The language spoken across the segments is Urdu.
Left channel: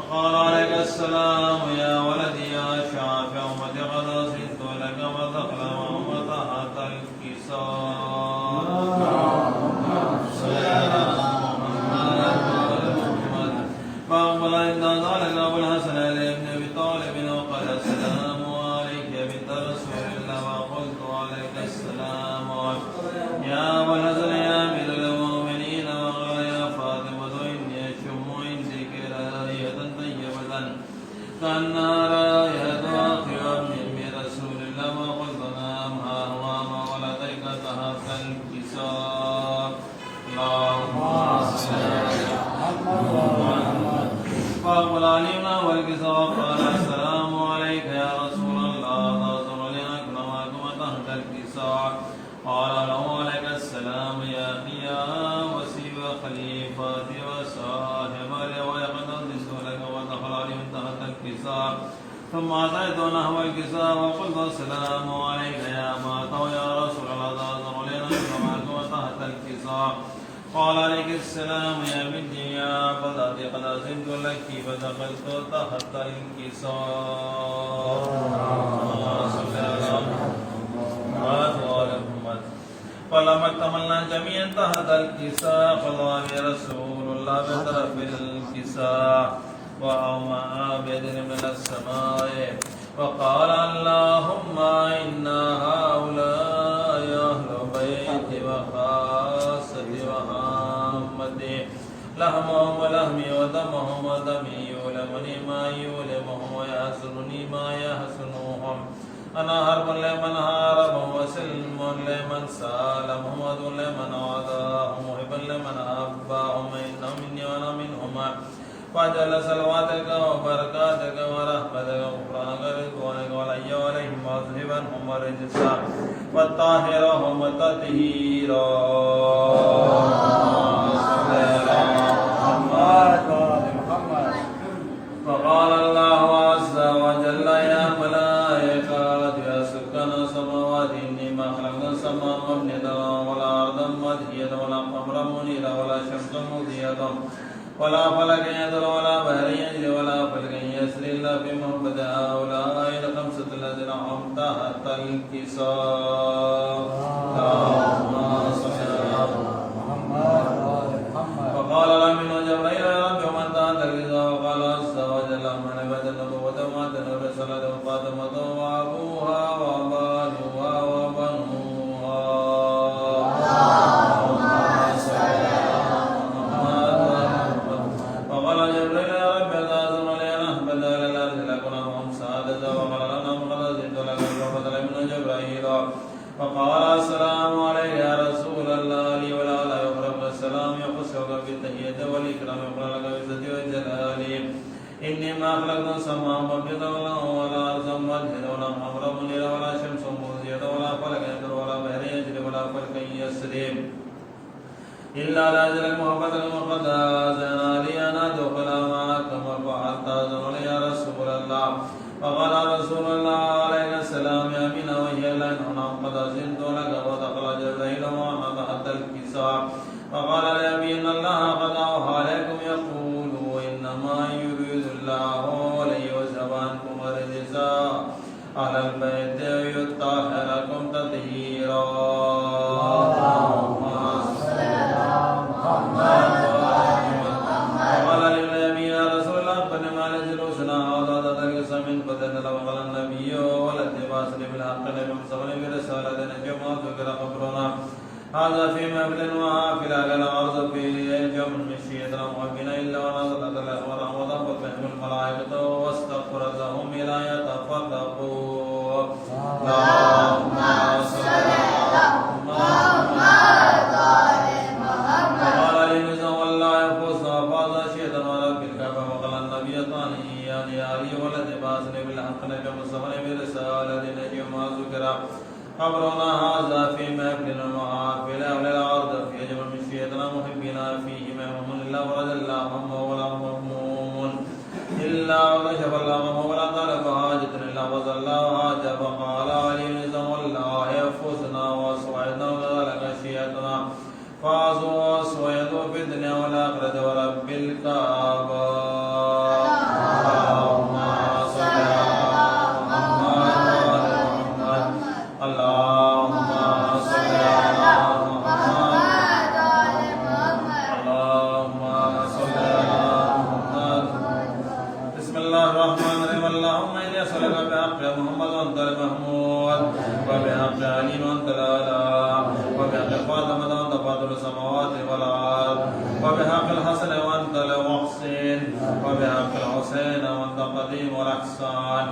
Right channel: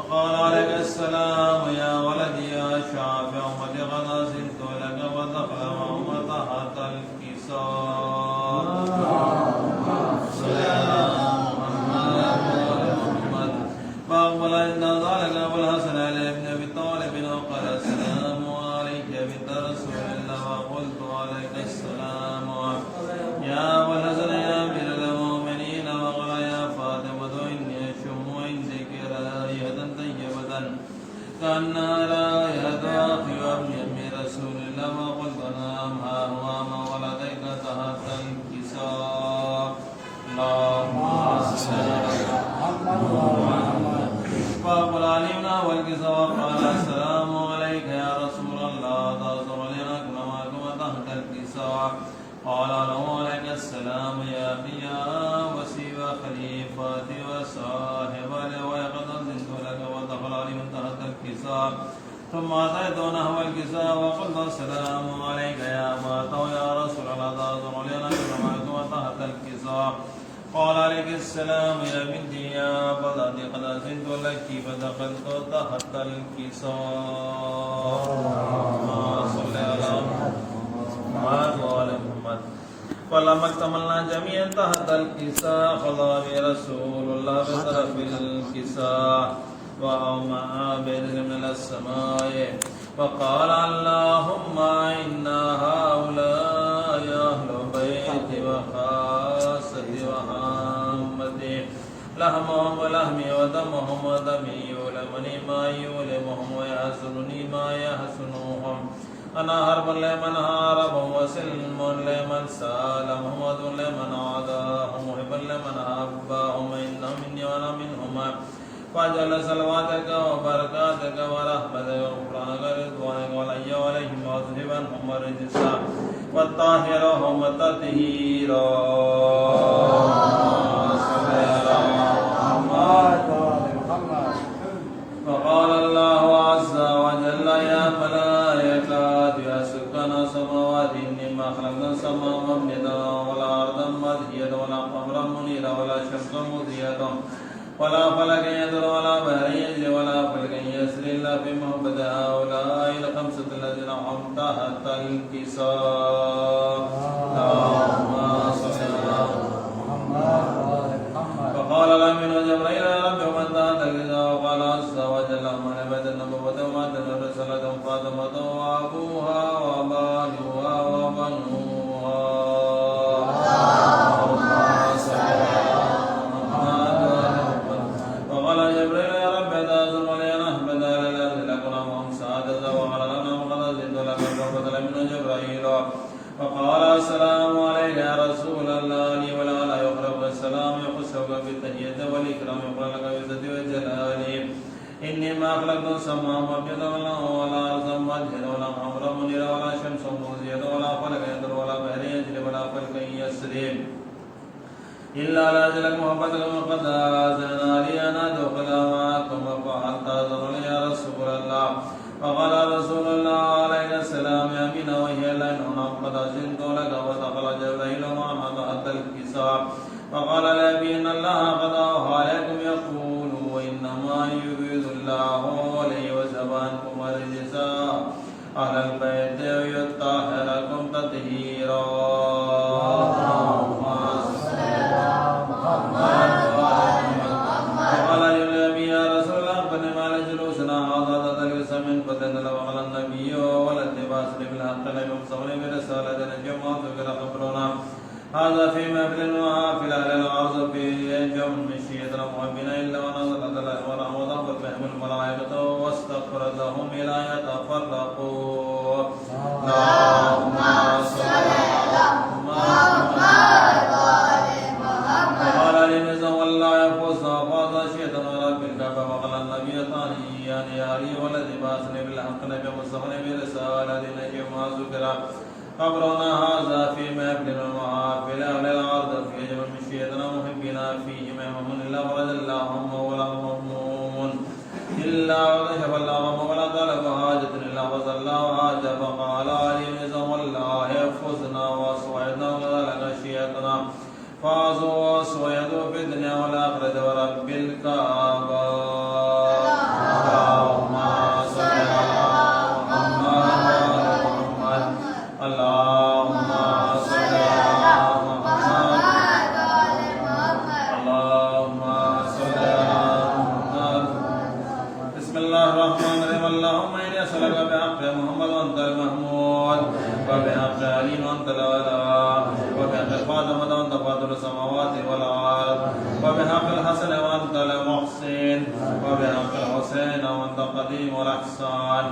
فقال عليك السلام يا ولدي يا شافع أمتي قد أحسنت لك ودخل وهم تحت الكساء. فأقبل إن ذلك أبو الحسن علي بن أبي طالب وقال السلام عليك يا بنت رسول الله وقلت عليك السلام يا أبو الحسن يا أمير المؤمنين. وقال يا فاطمة إني أشم عندك رائحة طيبة كأنها رائحة آخر من رسول الله. وقلت نعم ها هو ما ولديك تحت الكساء. اللهم صل على محمد. فأقبل علينا والكساء وقال السلام عليك يا رسول الله تأذر لنا كرماكم تحت الكساء. قال له عليك السلام يا أخي يا وسيب خليفتي وصاحب وقد أذنت لك ودخل عليهم تحت الكساء. ثم أتيت نحو الكساء وقلت السلام عليك يا مات يا رسول الله تأذر لنا كرماكم تحت الكساء. قال عليك السلام يا بنتي يا بضعتي قد أذنت لك فدخلت تحت الكساء. صلى على محمد وعلى محمد. فلما اكتملنا جميعا تحت الكساء قضى رسول الله بطرف الكساء وأومأ بيده من السماء وقال اللهم إن هؤلاء أهل بيتي وخاصتي وعامتي لحمهم ولحمي ودمهم ودمي يؤلمني ما يؤلمهم ويحزنني ما يحزنهم. أنا حرب لمن حاربهم وسلم لمن سالمهم وذل لمن عاداهم محب لمن أحبهم. إنهم مني وأنا منهم. فاجعل صلواتك وبركاتك ورحمتك وغفرانك ورضوانك علي وعليهم واذهب عنهم الرجس وطهرهم تطهيرا. فقال الله عز وجل يا ملائكة يا سكان السماوات إني ما خلقنا السماء مبنية ولا أرضا مدحية ولا قمرا منيرا ولا شمسا مضيئة ولا فلك يدر ولا بحر يجري ولا فلك يسري إلا في محبة هؤلاء الخمسة الذين هم تحت الكساء. اللهم صل على محمد. فقال الأمين جبريل يا رب ومن تحت الكساء. وقال عز وجل من عبد النبوة ومات الرسالة فاطمة وأبوها وبنوها وبنوها. اللهم صل على وقال جبريل يا رب تأذن لي أن أحمد لله لكنا وهم سعادة. وقال لنا فقد أزدت لك فبدل من جبريل فقال السلام عليك يا رسول الله لي ولا لا يخرج السلام يخصك بالتحية والإكرام يقول لك بالعزة والجلال. إني ما خلقت السماء مبنية ولا أرضا مدحضة ولا قمرا منيرا ولا شمس مضيئة ولا فلك يدر ولا بحر يجري ولا فلك يسري إلا لأجل محبتك وقد آذنا لي أن أدخل معكم ففعلت أذن لي يا رسول الله. فقال رسول الله عليه السلام يا أمينة وهي لين قد أذنت لك ودخل جبريل معنا تحت الكساء. فقال لأبي إن الله قد أوحى عليكم يقول إنما يريد الله ليذهب عنكم الرجس أهل البيت ويطهركم تطهيرا. وقال للنبي يا رسول الله أخبرني ما لجلوسنا هذا تدرس من بدن. وقال النبي والاتباس بالحق لم يمسكني برسالة نجم ذكر خبرنا هذا في مبل وحافل على الأرض في جمع من شيئا وبنا إلا ونزلت الأنوار وضربت بهم الملائكة واستغفرت لهم إلى يتفرقوا. اللهم صل على محمد. وقال لنزا والله ينفسنا فاض شيئا ورب الكعبة. وقال النبي ثانيا يا علي والذي بعثني بالحق نجم الزمن برسالة نجم ذكر خبرنا هذا في مبل وحافل أهل الأرض في جمع من شيئا محبنا فيه مهمم إلا ورد اللهم ولا مهموم إلا وكشف الله ولا طلب حاجة إلا وصل الله حاجة. فقال علي نزا والله ينفسنا وأسوأنا وذلك شيئتنا فازوا وأسوأ في الدنيا والآخرة ورب الكعبة. الرحمن الرحيم اللهم إني أسألك بحق محمد وأنت المحمود وبحق علي وأنت الأعلى وبحق فاطمة وأنت فاطر السماوات والأرض وبحق الحسن وأنت المحسن وبحق الحسين وأنت القديم والأحسان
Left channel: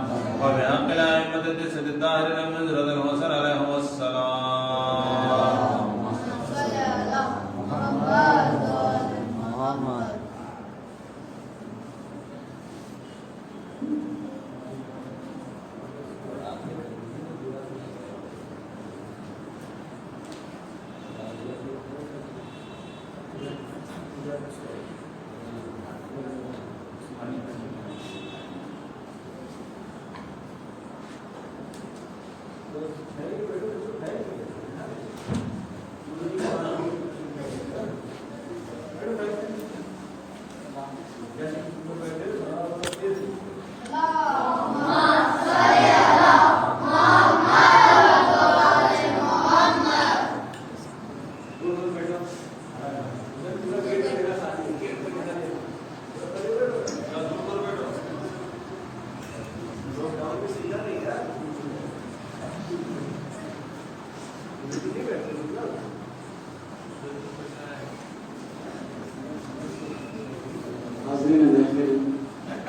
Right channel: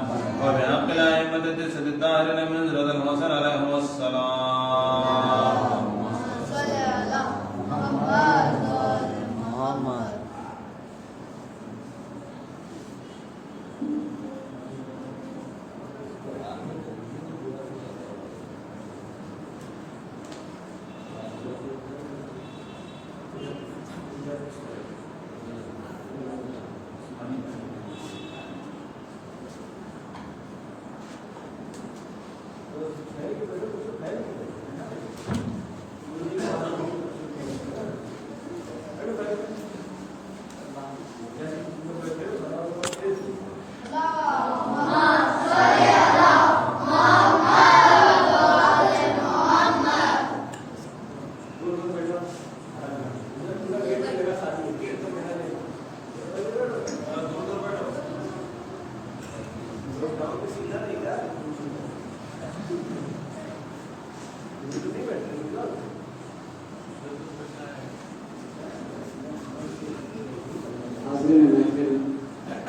وبحق الأئمة التسعة الطاهرين من ذرية الحسن عليه السلام. محمد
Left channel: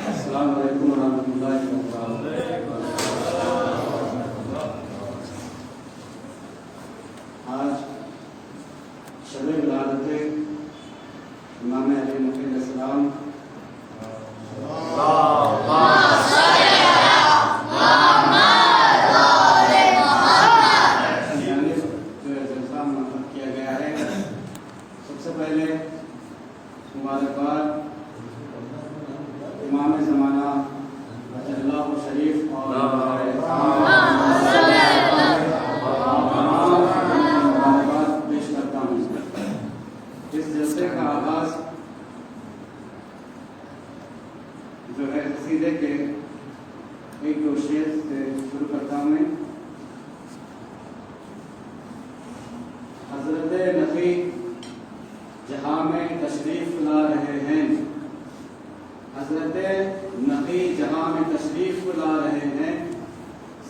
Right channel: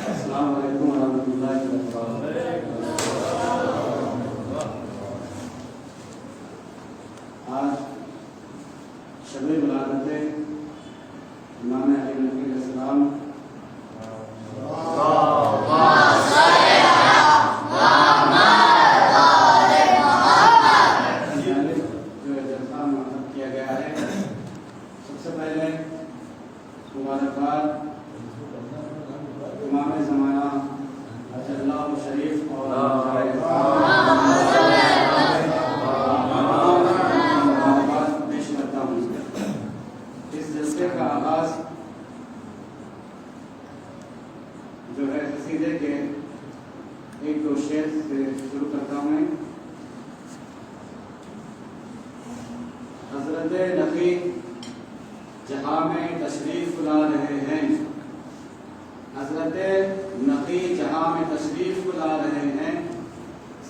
السلام علیکم ورحمۃ اللہ وبرکاتہ. آج شب ولادت امام علی علیہ السلام کیا گیا ہے. سب سے پہلے مبارکباد امام زمانہ اللہ شریف اور مبارکباد پیش کرتا ہوں. اس جلسے کا آغاز جو ہے قصیدے کے ایک دو شعر سے شروع کرتا ہوں. حضرت نبی جہاں میں تشریف لا رہے ہیں، حضرت نبی جہاں میں تشریف لا رہے ہیں،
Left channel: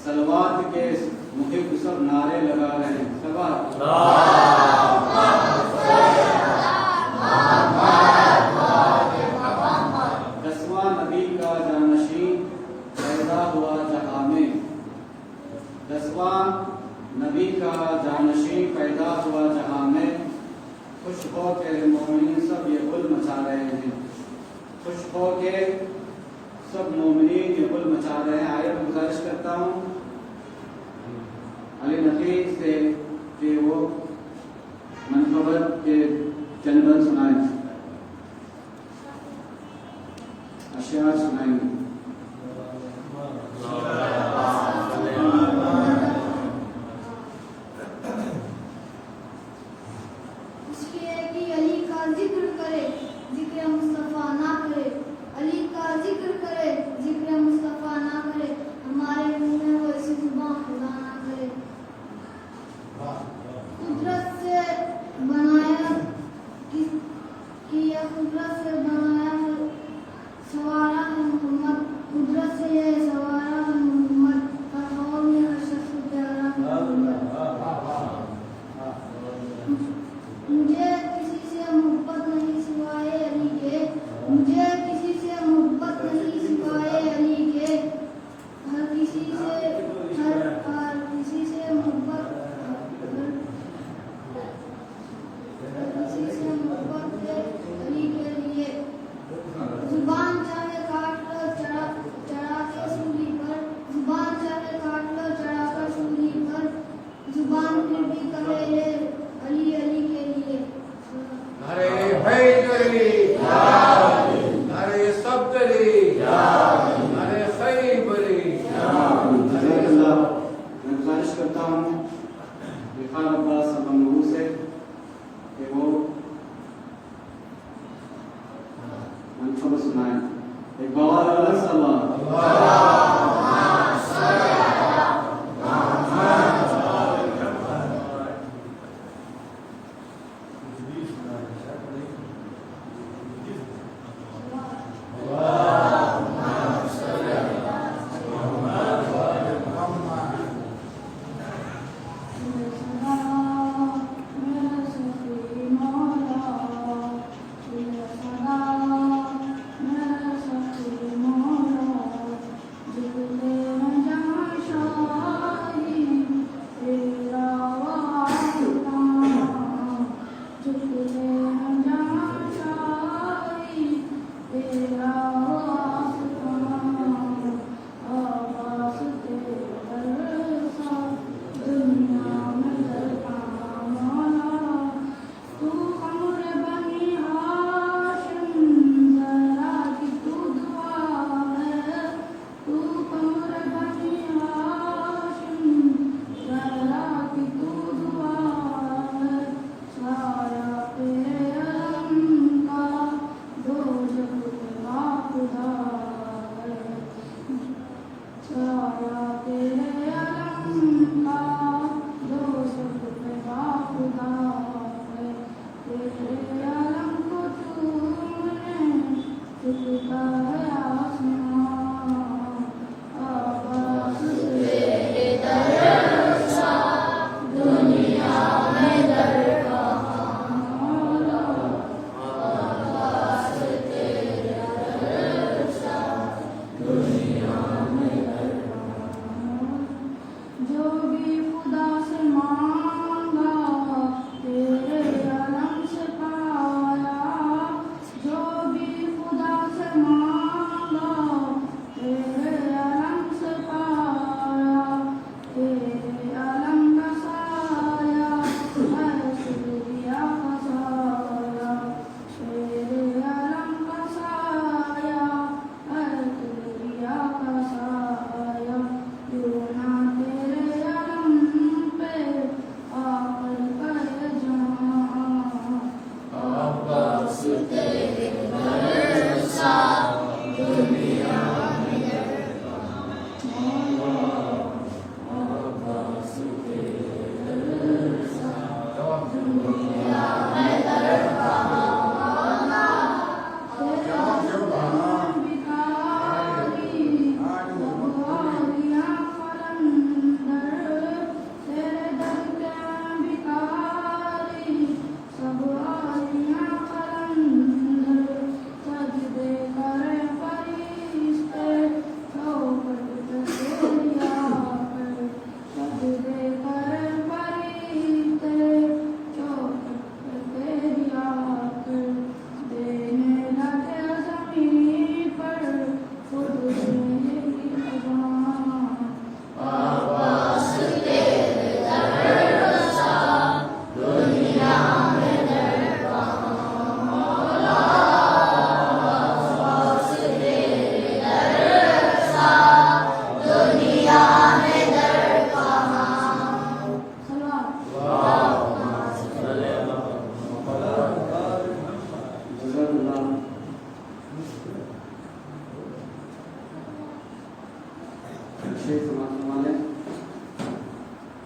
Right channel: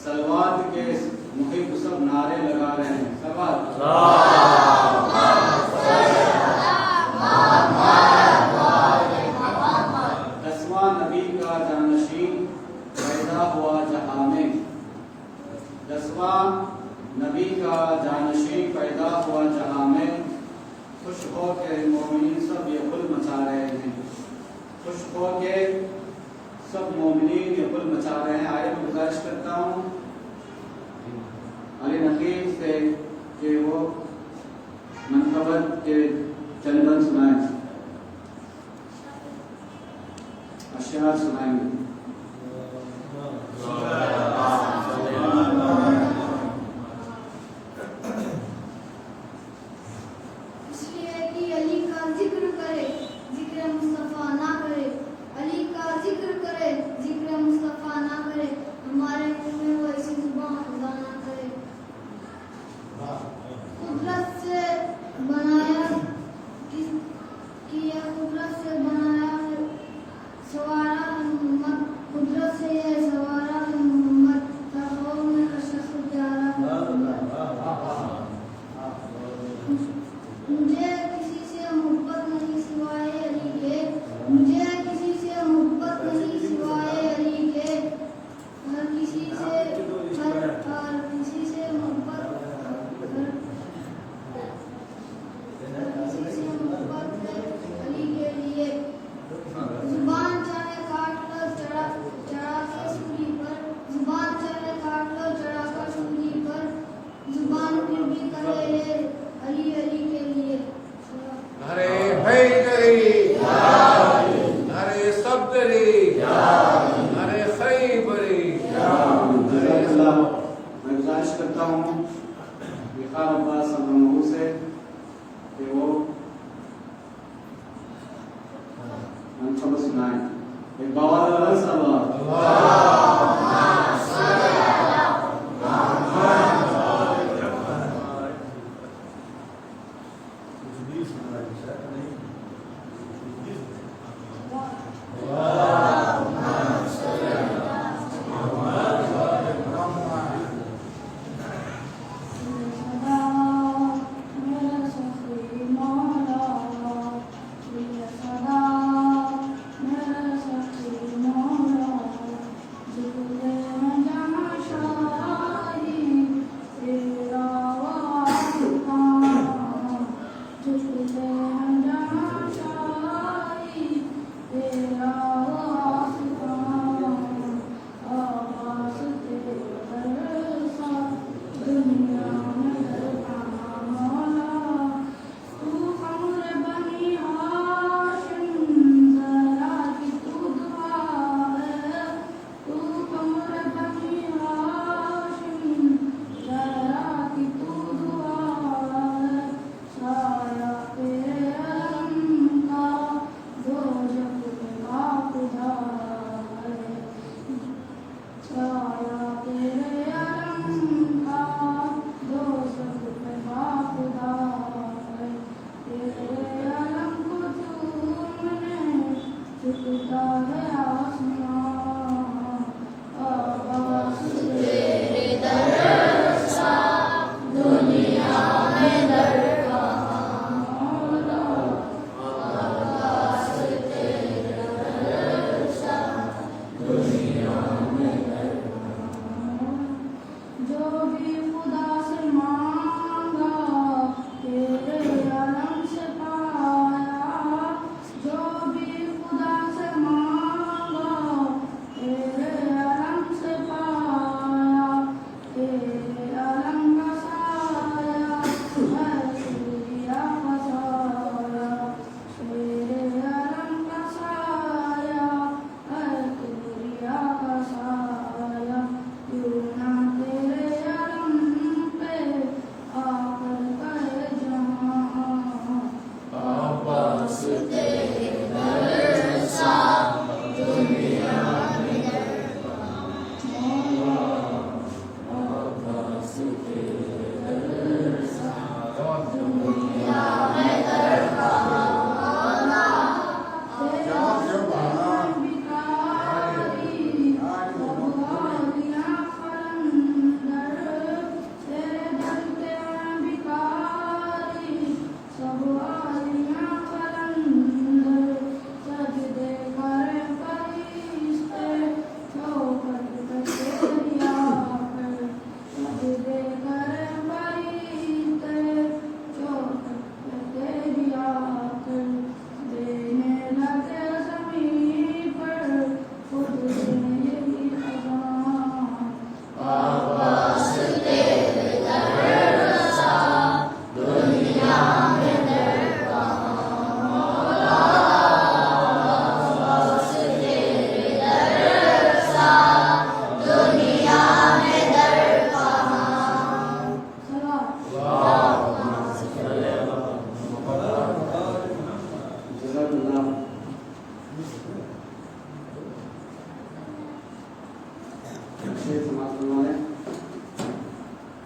صلوات کے محب سب نعرے لگا رہے ہیں. صلوات دسواں نبی کا جانشین پیدا ہوا جہاں میں، دسواں نبی کا جانشین پیدا ہوا جہاں میں، خوش ہو کے مومنین سب یہ گل مچا رہے ہیں. خوش ہو کے سب مومنین یہ گل مچا رہے ہیں. آئے میں گزارش کرتا ہوں علی نقی سے کہ وہ منقبت کے چند بند سنائیں، اشعار سنائیں گے.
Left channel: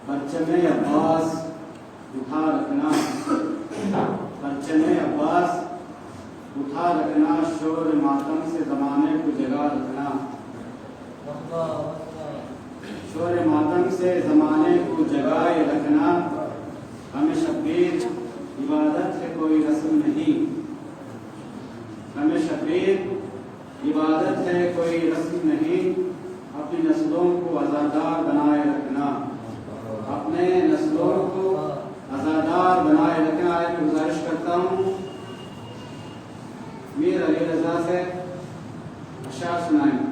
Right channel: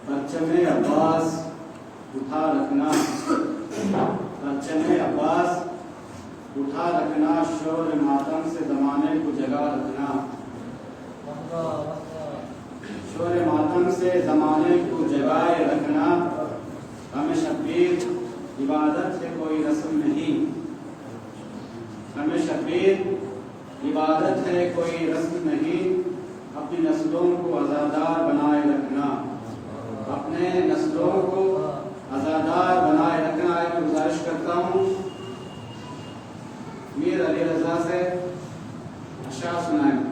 پرچم عباس اٹھا رکھنا، پرچم عباس اٹھا رکھنا، شور ماتم سے زمانے کو جگا رکھنا، شور ماتم سے زمانے کو جگائے رکھنا، ہمیں شبیر عبادت ہے کوئی رسم نہیں، ہمیں شبیر عبادت ہے کوئی رسم نہیں، اپنی نسلوں کو عزادار بنائے رکھنا، اپنے نسلوں کو عزادار بنائے رکھنا ہے۔ گزارش کرتا ہوں میر علی رضا سے اشعار سنائیں۔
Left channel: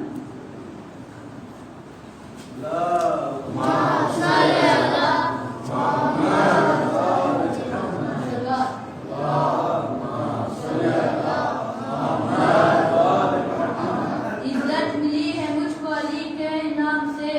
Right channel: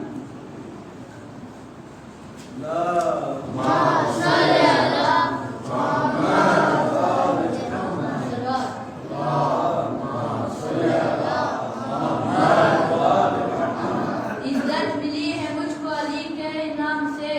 عزت ملی ہے مجھ کو علی کے انعام سے،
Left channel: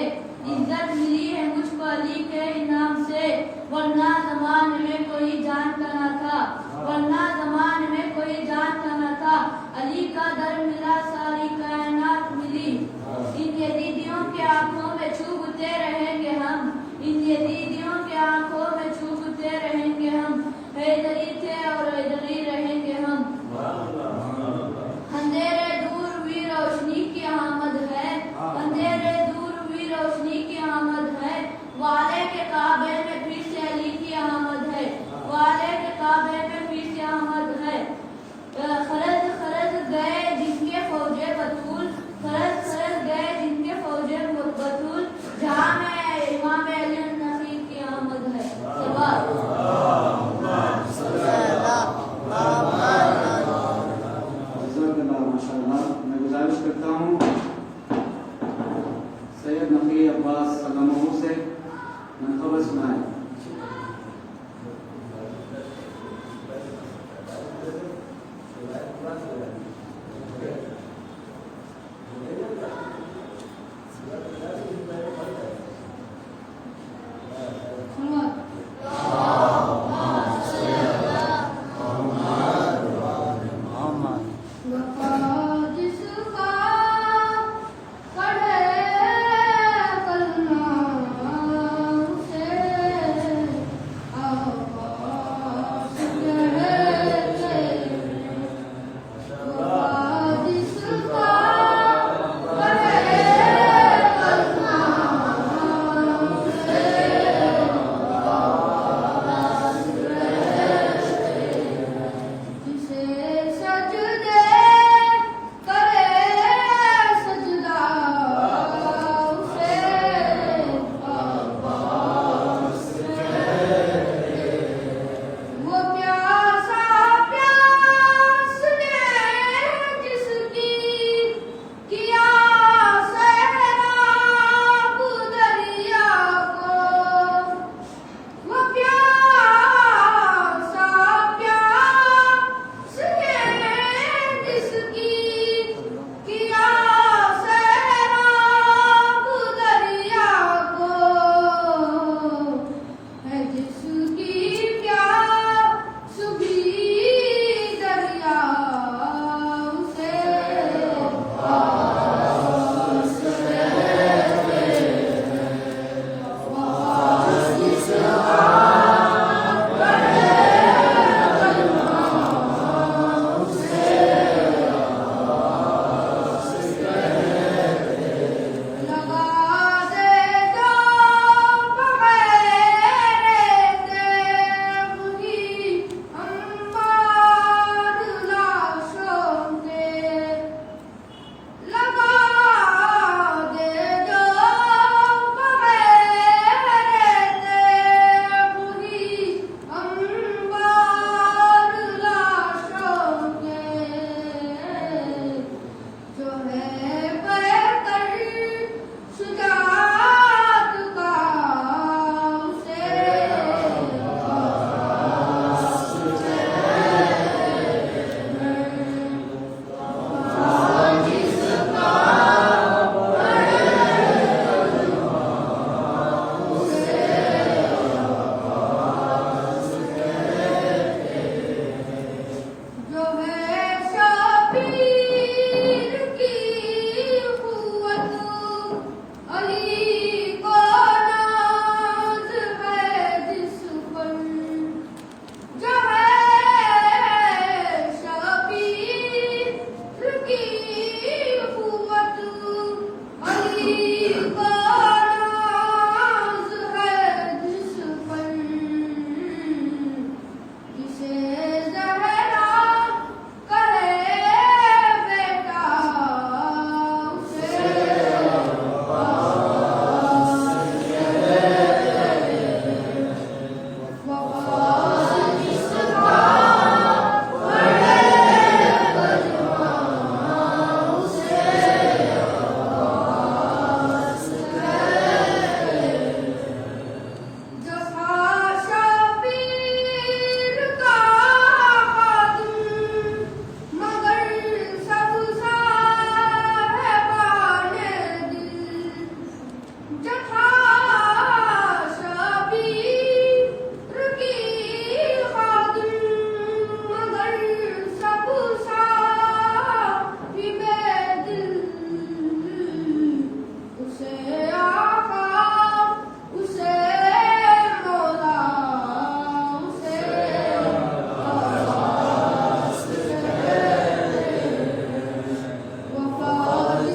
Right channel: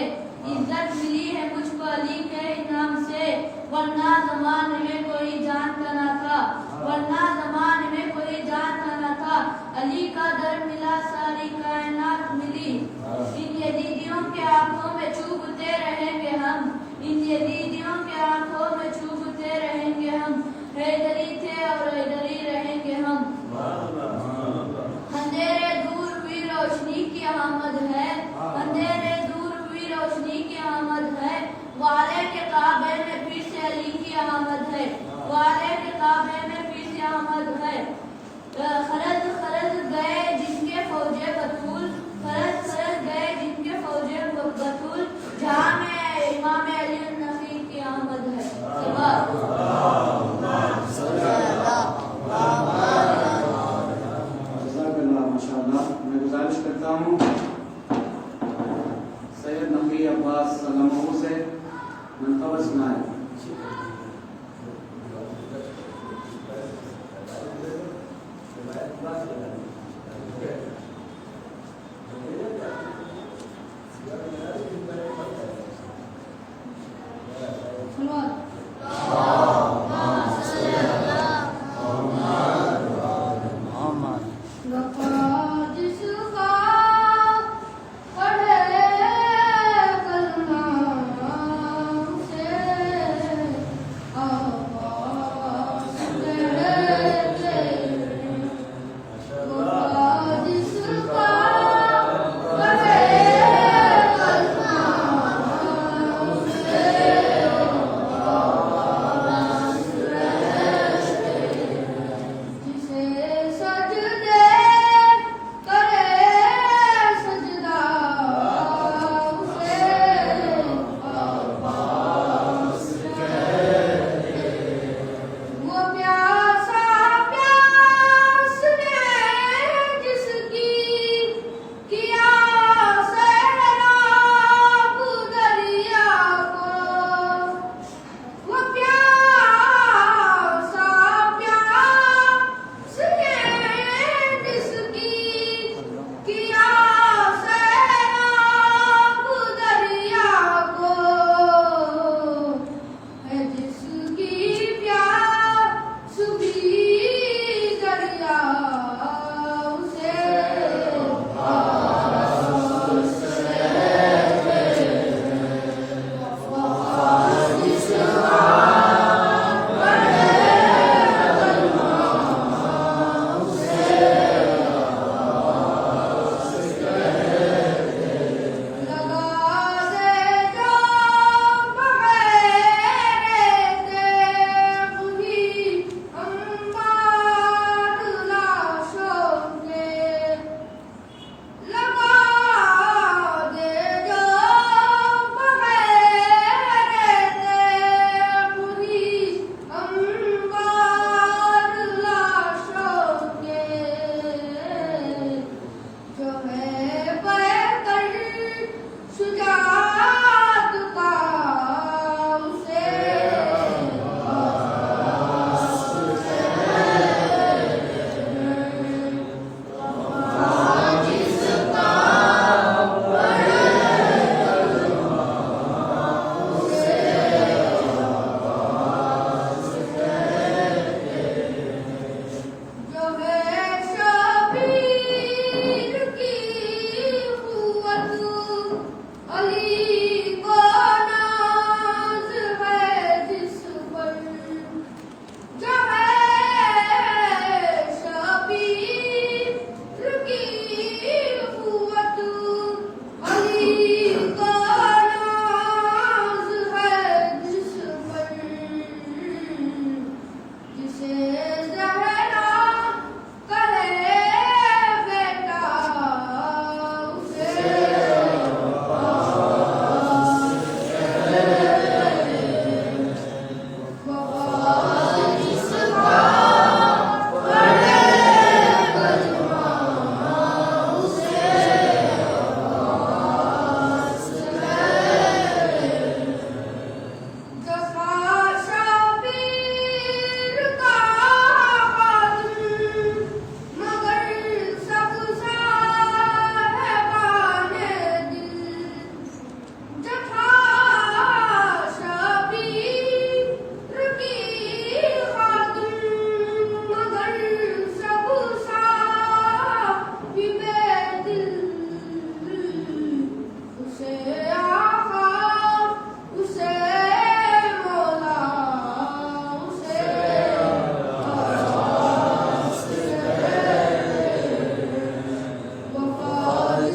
عزت ملی ہے مجھ کو علی کے انعام سے، ورنہ زمانے میں کوئی جانتا نہ تھا، ورنہ زمانے میں کوئی جانتا نہ تھا، علی کا در ملا ساری کائنات ملی، ان یزیدیوں کے آنکھوں میں چوبتے رہیں گے ہم، ان یزیدیوں کے آنکھوں میں چوبتے رہیں گے ہم، حیدری تھے اور حیدری رہیں گے ہم، اندھیرے دور ہوئی روشنی کی آمد ہے، اندھیرے دور ہوئی روشنی کی آمد ہے، والے کے کعبے میں پھر سے علی کی آمد ہے، والے کے کعبے میں پھر سے آمد ہے، خرج خرج گئے جن کے فوجے بطول، خرج خرج گئے جن کے فوجے بطول، جہاں میں امام علی النقی کی آمد ہے۔ میں گزارش کرتا ہوں سید نقی عباس سلامہ سے منتظر سنائیں۔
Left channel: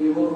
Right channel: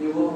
کہ وہ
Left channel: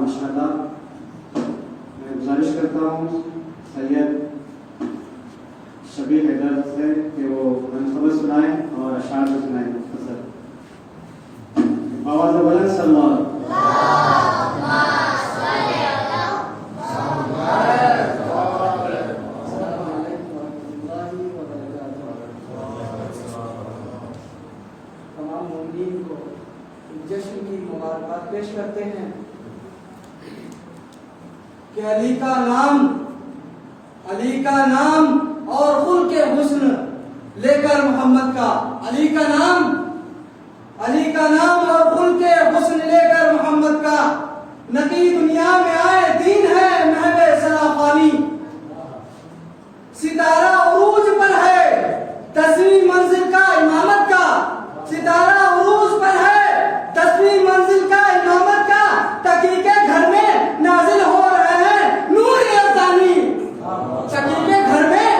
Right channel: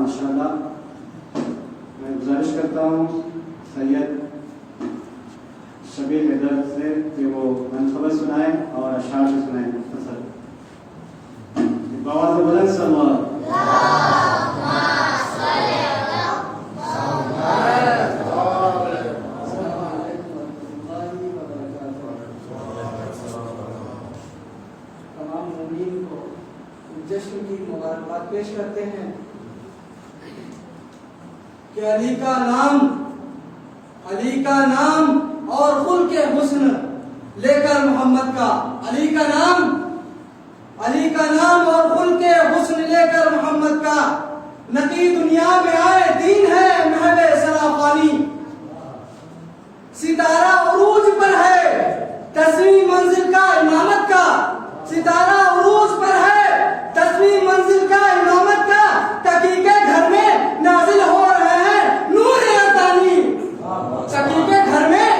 ماشاءاللہ میں گزارش کرتا ہوں سید شبیر حیدر سے کہ وہ منصورہ سنائیں اور اشعار بھی سنائیں مختصر بآواز بلند صلی اللہ تمام مومنین کو جشن کی مبارکباد پیش کرتے ہیں کہ علی کا نام اور خلق حسن لے کر محمد کا علی کا نام اور خلق حسن لے کر محمد کا نقی دنیا میں آئے دین ہے محو سرافانی ستارہ عروج پر ہے تسوی منزل کا امامت کا ستارہ عروج پر ہے تسوی منزل کا امامت کا تقی کے گھر میں نازل ہو رہے ہیں نور یزدانی تقی کے گھر میں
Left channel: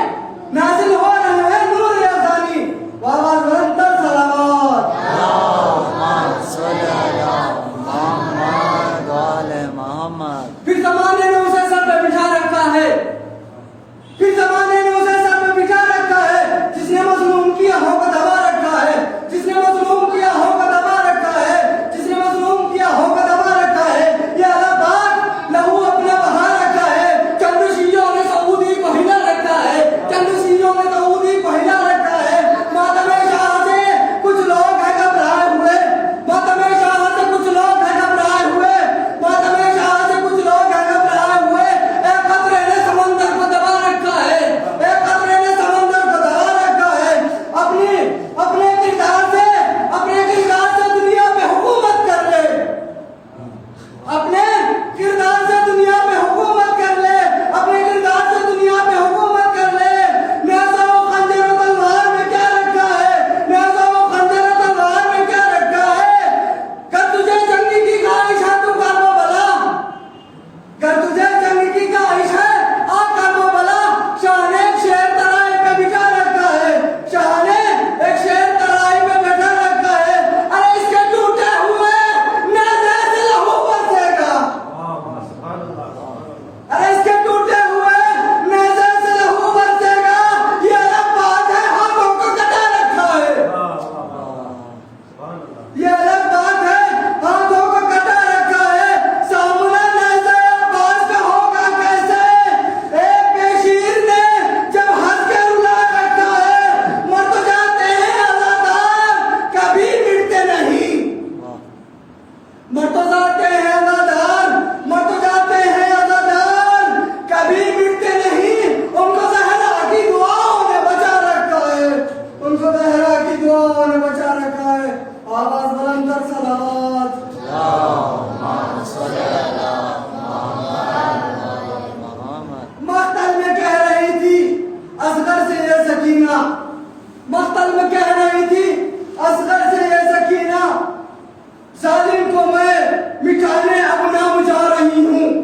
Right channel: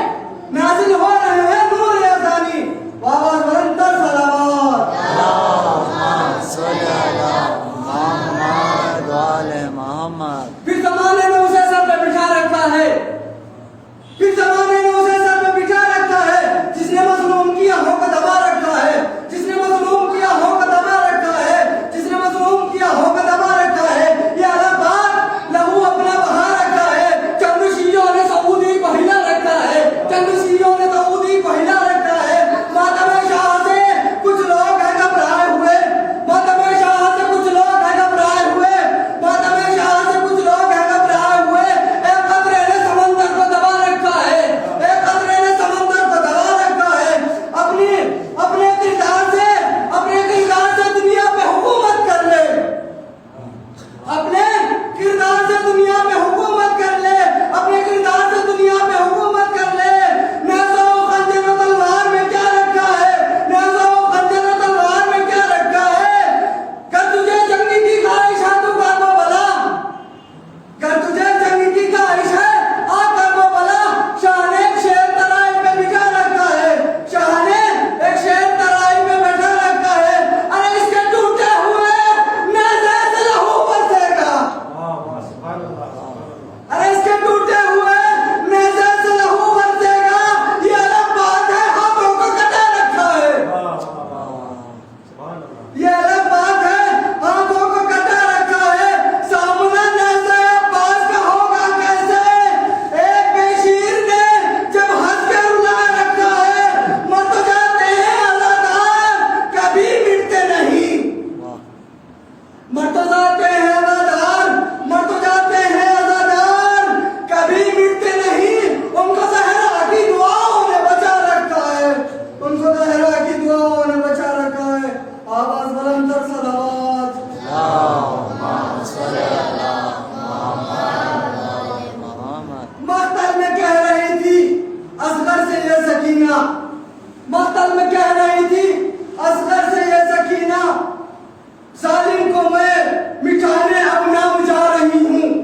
نازل ہو رہے ہیں نور یزدانی بابا رنتر صلوات اللہم صلی علی محمد وعلی محمد پھر زمانے نے اسے سر پہ بٹھا رکھا ہے پھر زمانے نے اسے سر پہ بٹھا رکھا ہے جس نے مظلوم کی آہوں کو دبا رکھا ہے جس نے مظلوم کی آہوں کو دبا رکھا ہے جس نے مظلوم کی آہوں کو دبا رکھا ہے یہ اللہ پاک لہو اپنا بہا رکھا ہے چند شیعوں نے سعودی کو ہلا رکھا ہے چند شیعوں نے سعودی کو ہلا رکھا ہے ماتم شاہ سے کچھ لوگ ہیں گھبرائے ہوئے ماتم شاہ سے کچھ لوگ ہیں گھبرائے ہوئے ماتم شاہ سے کچھ لوگ ہیں گھبرائے ہوئے ایک قطرے نے سمندر کو دبا رکھا ہے ایک قطرے نے سمندر کو دبا رکھا ہے اپنے کردار سے دنیا پہ حکومت کر لے اپنے کردار سے دنیا پہ حکومت کر لے اپنے کردار سے دنیا پہ حکومت کر لے نیزہ و خنجر و تلوار میں کیا رکھا ہے نیزہ و خنجر و تلوار میں کیا رکھا ہے کر تجھے جنگ کی خواہش ہے تو کر وہ بلا کر تجھے جنگ کی خواہش ہے آ کر وہ بلا شاہ نے ایک شیر ترائی پہ بٹھا رکھا ہے شاہ نے ایک شیر ترائی پہ بٹھا رکھا ہے ارے اس کے ٹوٹے ہوئے نیزے سے لہو برسے گا ارے اس کے ٹوٹے ہوئے نیزے سے لہو برسے گا یہ الگ بات ہے ہاتھوں کو کٹا رکھا ہے یہ الگ بات ہے ہاتھوں کو کٹا رکھا ہے سامنا نیزہ عباس کا ہوگا کیسے ایک بشیر نے جب ہنس کے رلا رکھا ہے مر تو جاتے ہیں عزادار کبھی مٹتے نہیں مر تو جاتے ہیں عزادار مر تو جاتے ہیں عزادار کبھی مٹتے نہیں ان کو زہرا کی دعاؤں نے بچا رکھا ہے ان کو زہرا کی دعاؤں نے بچا رکھا ہے آواز بلند تر صلوات اللہم صلی علی محمد وعلی محمد مقتل میں کہہ رہی تھی اصغر سے یہ سکینہ مقتل میں کہہ رہی تھی اصغر سے یہ سکینہ ظالم کو میں مٹانے اب نام جا رہی ہوں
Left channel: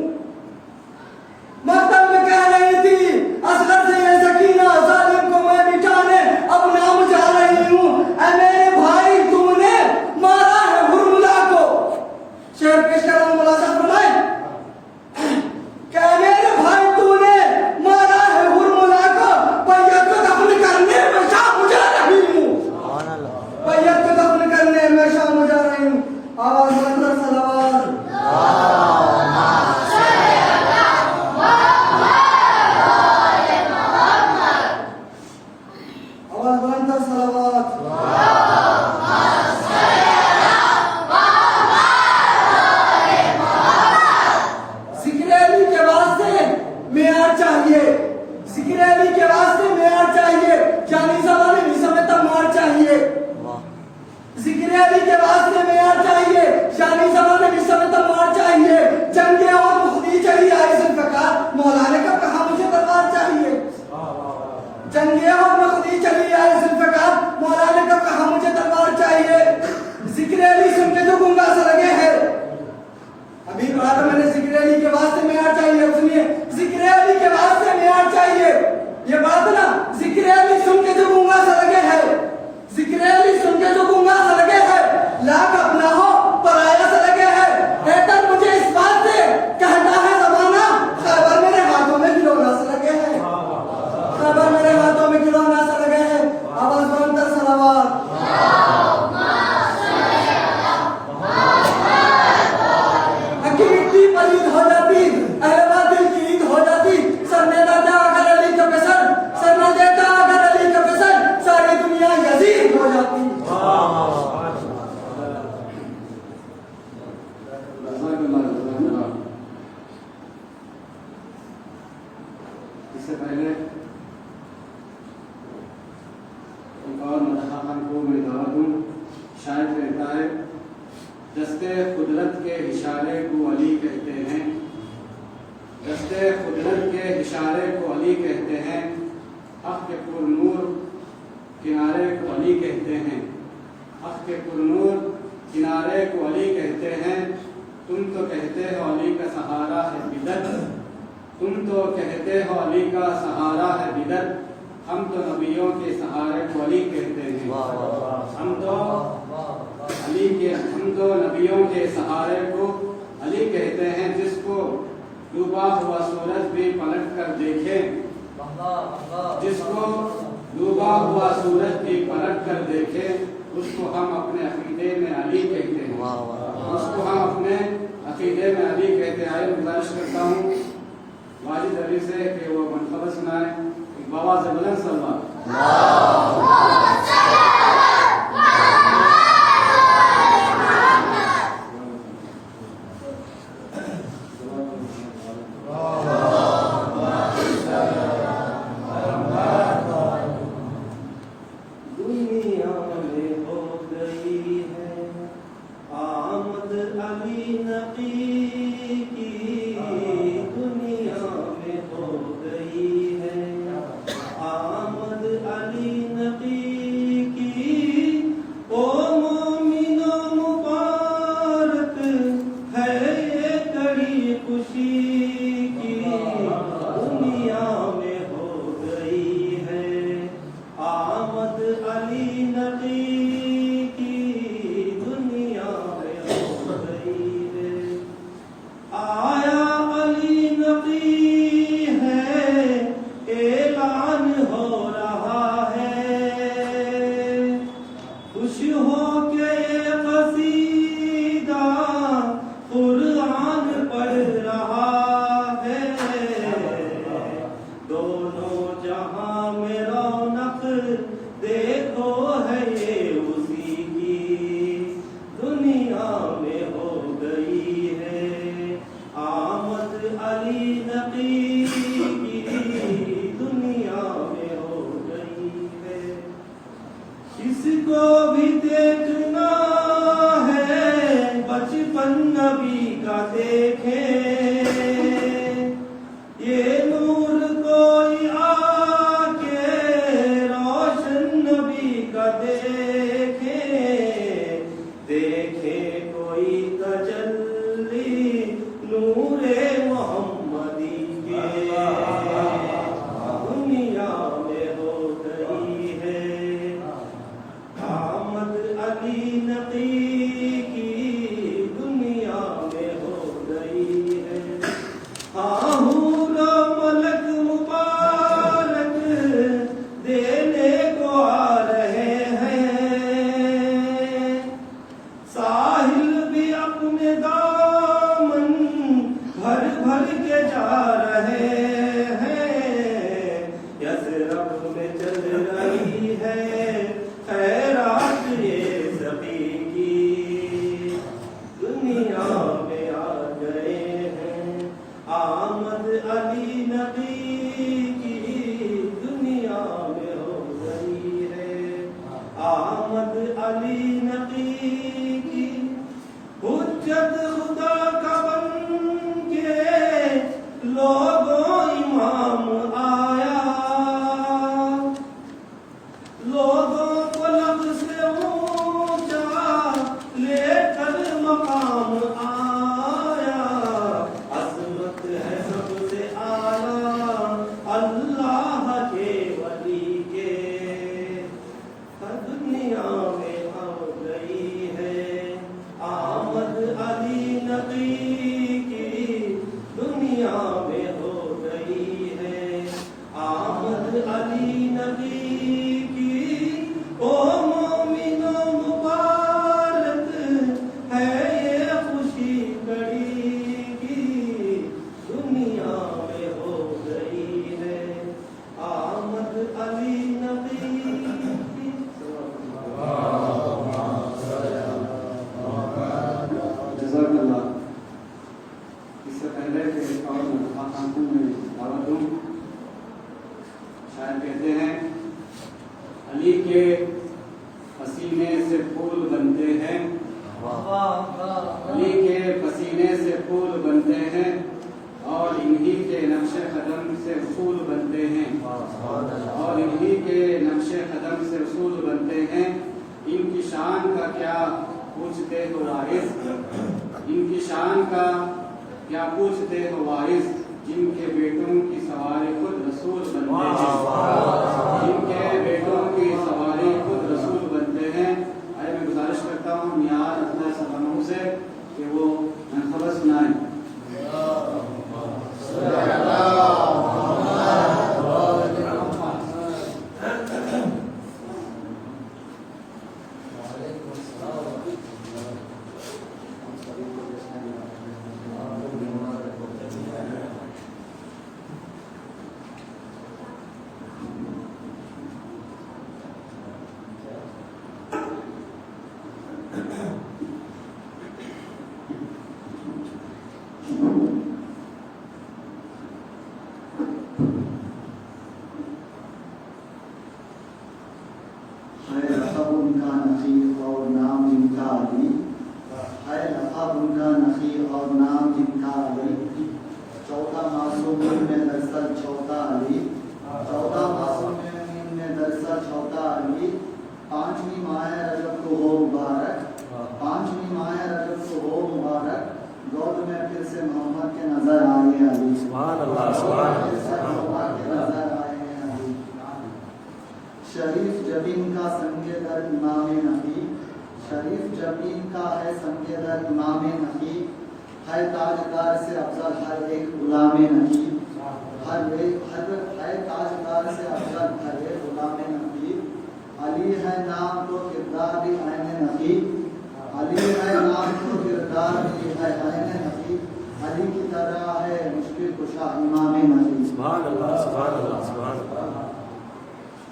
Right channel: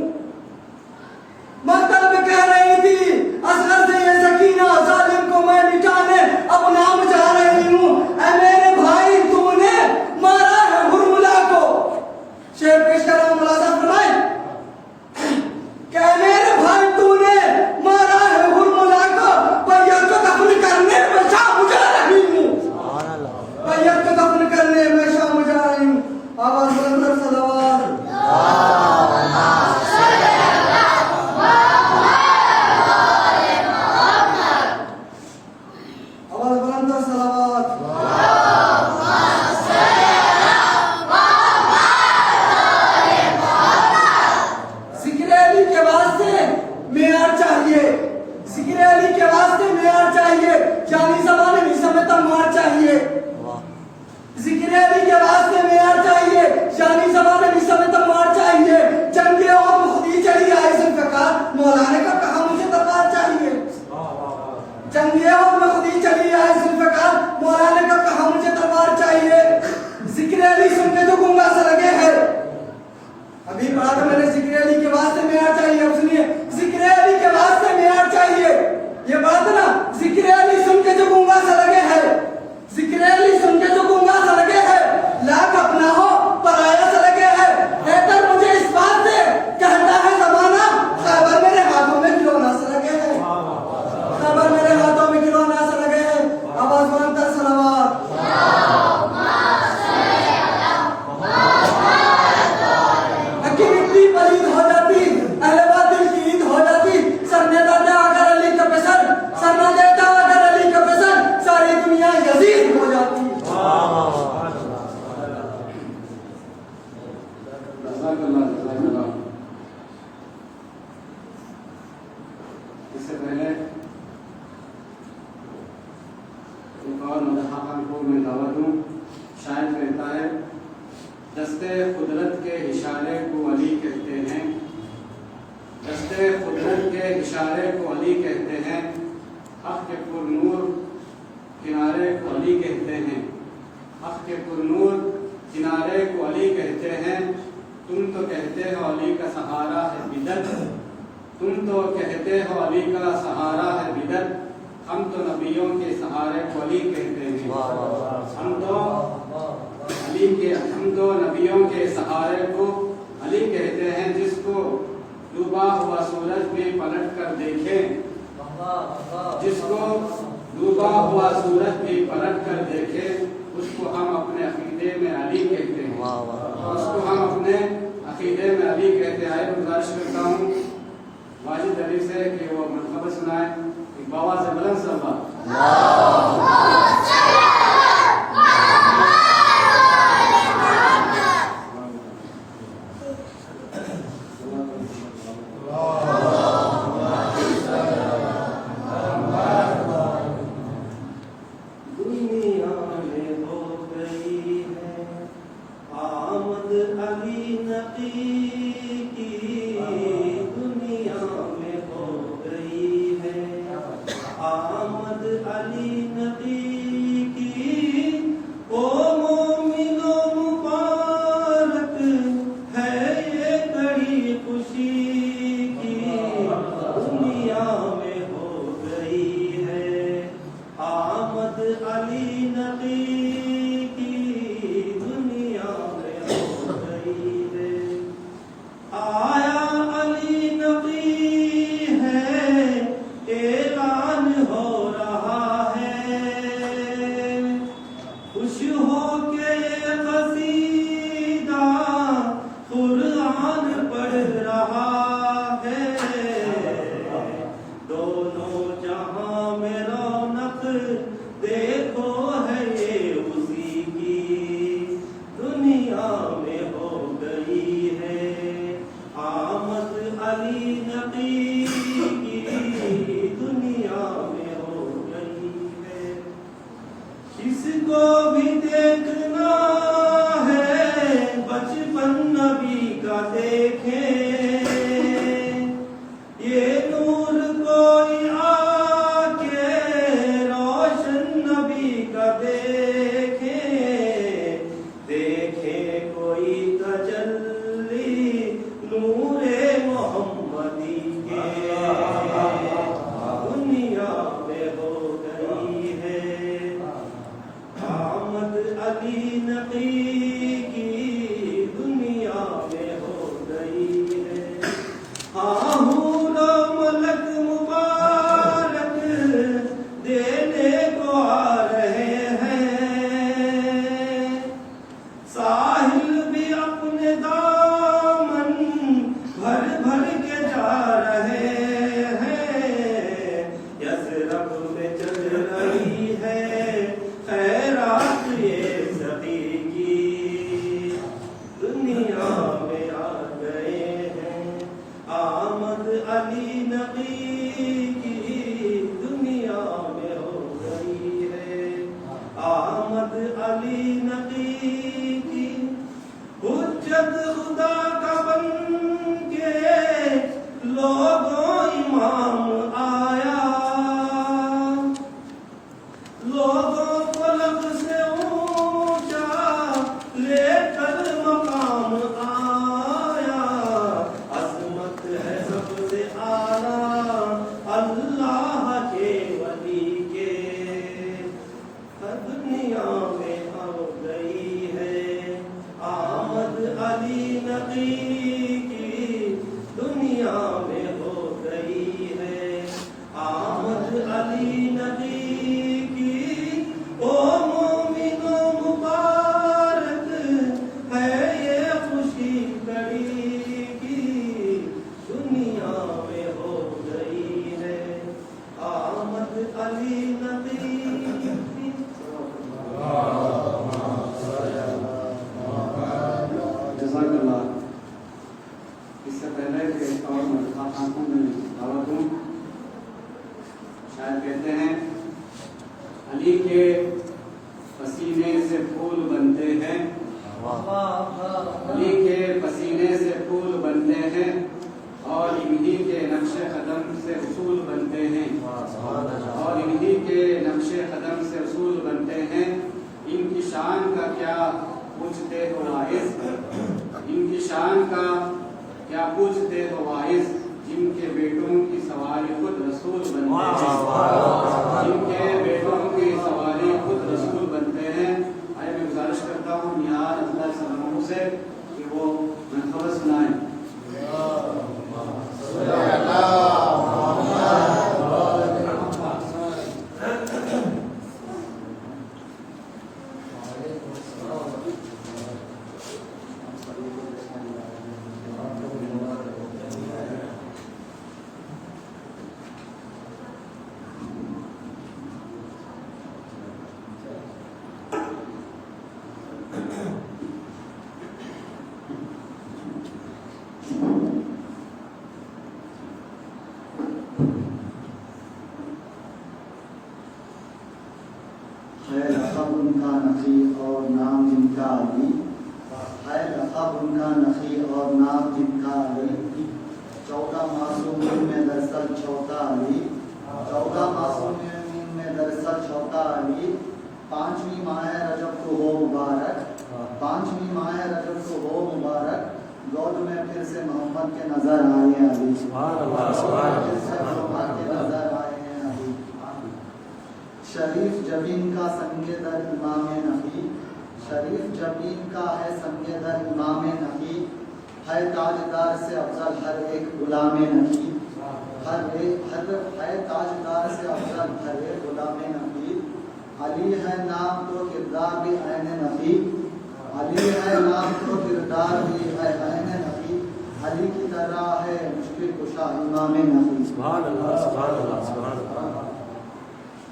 مقتل میں کہہ رہی تھی اصغر سے یہ سکینہ ظالم کو میں مٹانے اب نام جا رہی ہوں اے میرے بھائی تو نے مارا ہے ہرملا کو. شعر پیش کر رہا ہوں، ملاحظہ فرمائیں کہ اے میرے بھائی تو نے مارا ہے ہرملا کو، بیعت کو دفن کرنے میں شام جا رہی ہوں. سبحان اللہ. بیعت کو دفن کرنے میں شام جا رہی ہوں. آواز بلند کر صلوات. آواز بلند کر صلوات. ذکر علی کے واسطے معیار چاہیے، ذکر علی کے واسطے معیار چاہیے، جانی زمانے نہیں سمجھتا مار چاہیے. واہ. ذکر علی کے واسطے معیار چاہیے، جانی زمانے نہیں سمجھتا مار چاہیے. جنگیں اور خودی چلی آئے ذوالفقار، مولا نے کب کہا مجھے تلوار چاہیے. جنگیں اور خودی چلی آئے ذوالفقار، مولا نے کب کہا مجھے تلوار چاہیے. ذکر علی سن کے جو گنگا سا لگے ہیں، ابھی پڑھا تھا میں نے ذکر علی کے واسطے معیار چاہیے. اب سنیے، ذکر علی کے واسطے معیار چاہیے. یہ بات نا، ذکر علی سن کے جو گنگا سا لگے ہیں، ذکر علی سن کے جو گنگا سا لگے ہیں، لاکھ اپنا ہو پرایا سا لگے ہیں. بہتر مجھے اس بات سے کہتا ہے زمانہ، خیبر میرے ہاتھوں میں کھلونا سا لگے ہیں، خیبر میرے ہاتھوں میں کھلونا سا لگے ہیں. آواز بلند کر صلوات. مٹی پلید ہو جاتی، اہل باطل کی عید ہو جاتی. سر نہ دیتا اگر علی کا پسند، سر نہ دیتا اگر علی کا پسند، ساری دنیا یزید ہو جاتی. جزاک اللہ، جزاک اللہ. اس سے پہلے ایک اور مداحان کو میں دعوت دوں. شاید کہتا ہے دستے قدرت کے اشارے کو علی کہتے ہیں، دستے قدرت کے اشارے کو علی کہتے ہیں، حق کے پر نور کنارے کو علی کہتے ہیں، حق کے پر نور کنارے کو علی کہتے ہیں. تم تو کہتے ہو علی کا سہارا ہے بدعت، تم تو کہتے ہو علی کا سہارا ہے بدعت، ہم تو نبیوں کے سہارے کو علی کہتے ہیں. ہم تو نبیوں کے سہارے کو علی کہتے ہیں. جس کو ڈوبا ہوا سورج بھی پلٹ کر دیکھے، جس کو ڈوبا ہوا سورج بھی پلٹ کر دیکھے، اس کو ہم اپنے عقیدے میں علی کہتے ہیں، اس کو ہم اپنے عقیدے میں علی کہتے ہیں. آئے گزارش کرتا ہوں واجد علی سے کہ وہ منقبت سنائے بآواز بلند صلوات. کو بھی علی نقی کی دنیا میں ہو گئی ہے. ہاں حور و ملک مبارک دینے کو آ رہے ہیں. ساحل بھی اپنے دامن بھر بھر کے جا رہے ہیں. یثرب میں چل رہی ہے خیرات یہ سبھی کی. دنیا میں آ گئے ہیں آمد علی نبی کی. دنیا میں ہو گئی ہے آمد علی نبی کی. حجت خدا کا بن کے لوگوں امام آیا. لوگوں کو لب سے اونچا لے کر مقام آیا. عظمت ہے سب سے اعلیٰ اللہ کے ولی کے. دنیا میں آ گئی ہے آمد علی نبی کی. دنیا میں ہو گئی ہے آمد علی نبی کی. او مومنو مبارک ہے یہ خوشی کڑی کی. دنیا میں ہو گئی ہے آمد علی نبی کی. جزاک اللہ. اس سے پہلے کہ ایک اور آنکھوں میں دعوت دوں. شاید کہتے ہیں علی کے پسینے سے پھول بنتے ہیں. علی کے پسینے سے پھول بنتے ہیں اور انہی کے نقش قدم سے اصول بنتے ہیں. اور انہی کے نقش قدم سے اصول بنتے ہیں. ان کی شان کا کیا پوچھتے ہو واعظ. ان کی شان کا کیا پوچھتے ہو واعظ. جن کے بیٹوں کی سواری خود رسول بنتے ہیں. جن کے بیٹوں کی سواری خود رسول بنتے ہیں. میں گزارش کرتا ہوں نیار اللہ سلاموں سے کہ وہ منقبت سنائیں. ان کا نقیب اور نام جن کا علی. ہے لقب ان کا نقیب اور نام جن کا علی. 14 معصومین میں دراصل چھوٹا علی. 14 معصومین میں دراصل چھوٹا علی. 5ویں ماہ رجب کو ہو مبارک. 5ویں ماہ رجب کو ہو مبارک. گود میں پھر سے محمد کے نظر آئے علی. سبحان اللہ سبحان پھر سے محمد کے نظر آئے ہیں علی. شریف جبین کا سنگ در امام نقی. شریف جبین کا ہے سنگ در امام نقی. ہے تاجدار سے افضل ہر ایک غلام نقی. ہے تاجدار سے افضل ہر ایک غلام نقی. علی ہے نام تو کردار بھی عین نقی. علی ہے نام تو کردار بھی ہے عین نقی. علی کی طرح ہے مشکل کشا امام نقی. سبحان اللہ سبحان اللہ سبحان اللہ.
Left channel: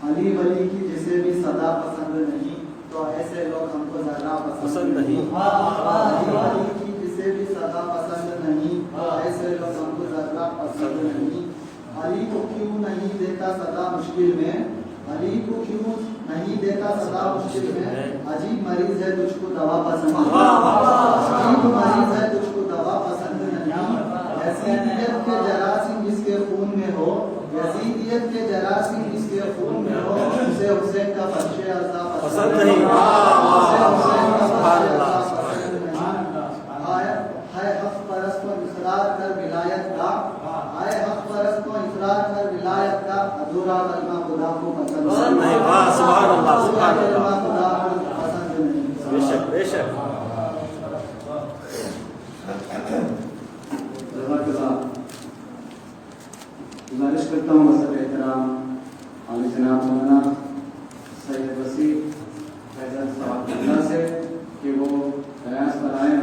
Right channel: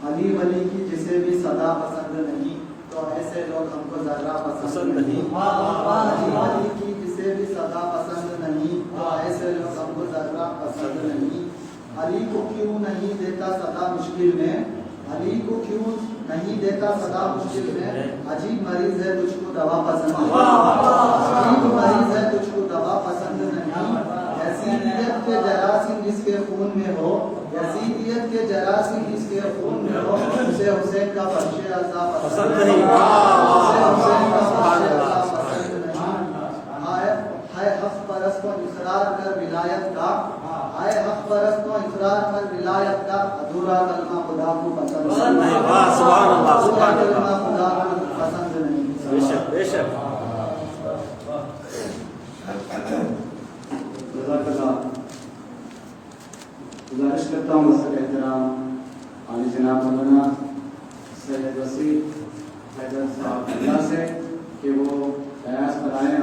علی ولی کی جسے بھی صدا پسند نہیں تو ایسے لوگ ہم کو ذرا پسند نہیں. علی ولی کی جسے بھی صدا پسند نہیں تو ایسے لوگ ہم کو ذرا پسند نہیں. علی کو کیوں نہیں دیتا صدا مشکل میں. علی کو کیوں نہیں دیتا صدا مشکل میں. عجیب مریض ہے تجھ کو دوا پسند نہیں. عجیب مریض ہے تجھ کو دوا پسند نہیں. یزیدیت کے جراثیم جس کے خون میں ہو. یزیدیت کے جراثیم جس کے خون میں ہو. اسے حسین کا بخش عذاب پسند نہیں. اسے حسین کا بخش عذاب پسند نہیں. ہے حق پرست کو اقرار کر ولایت کا. ہے حق پرست کو اقرار کر ولایت کا. ادھورا کلمہ خدا کو پسند نہیں. سبحان اللہ سبحان اللہ. خدا کو پسند نہیں. جزاک اللہ. گزارش کرتا ہوں سب احترام اور جناب مولانا سید وسیع حیدر صاحب اللہ سے کہ وہ ریاض پر آئے آ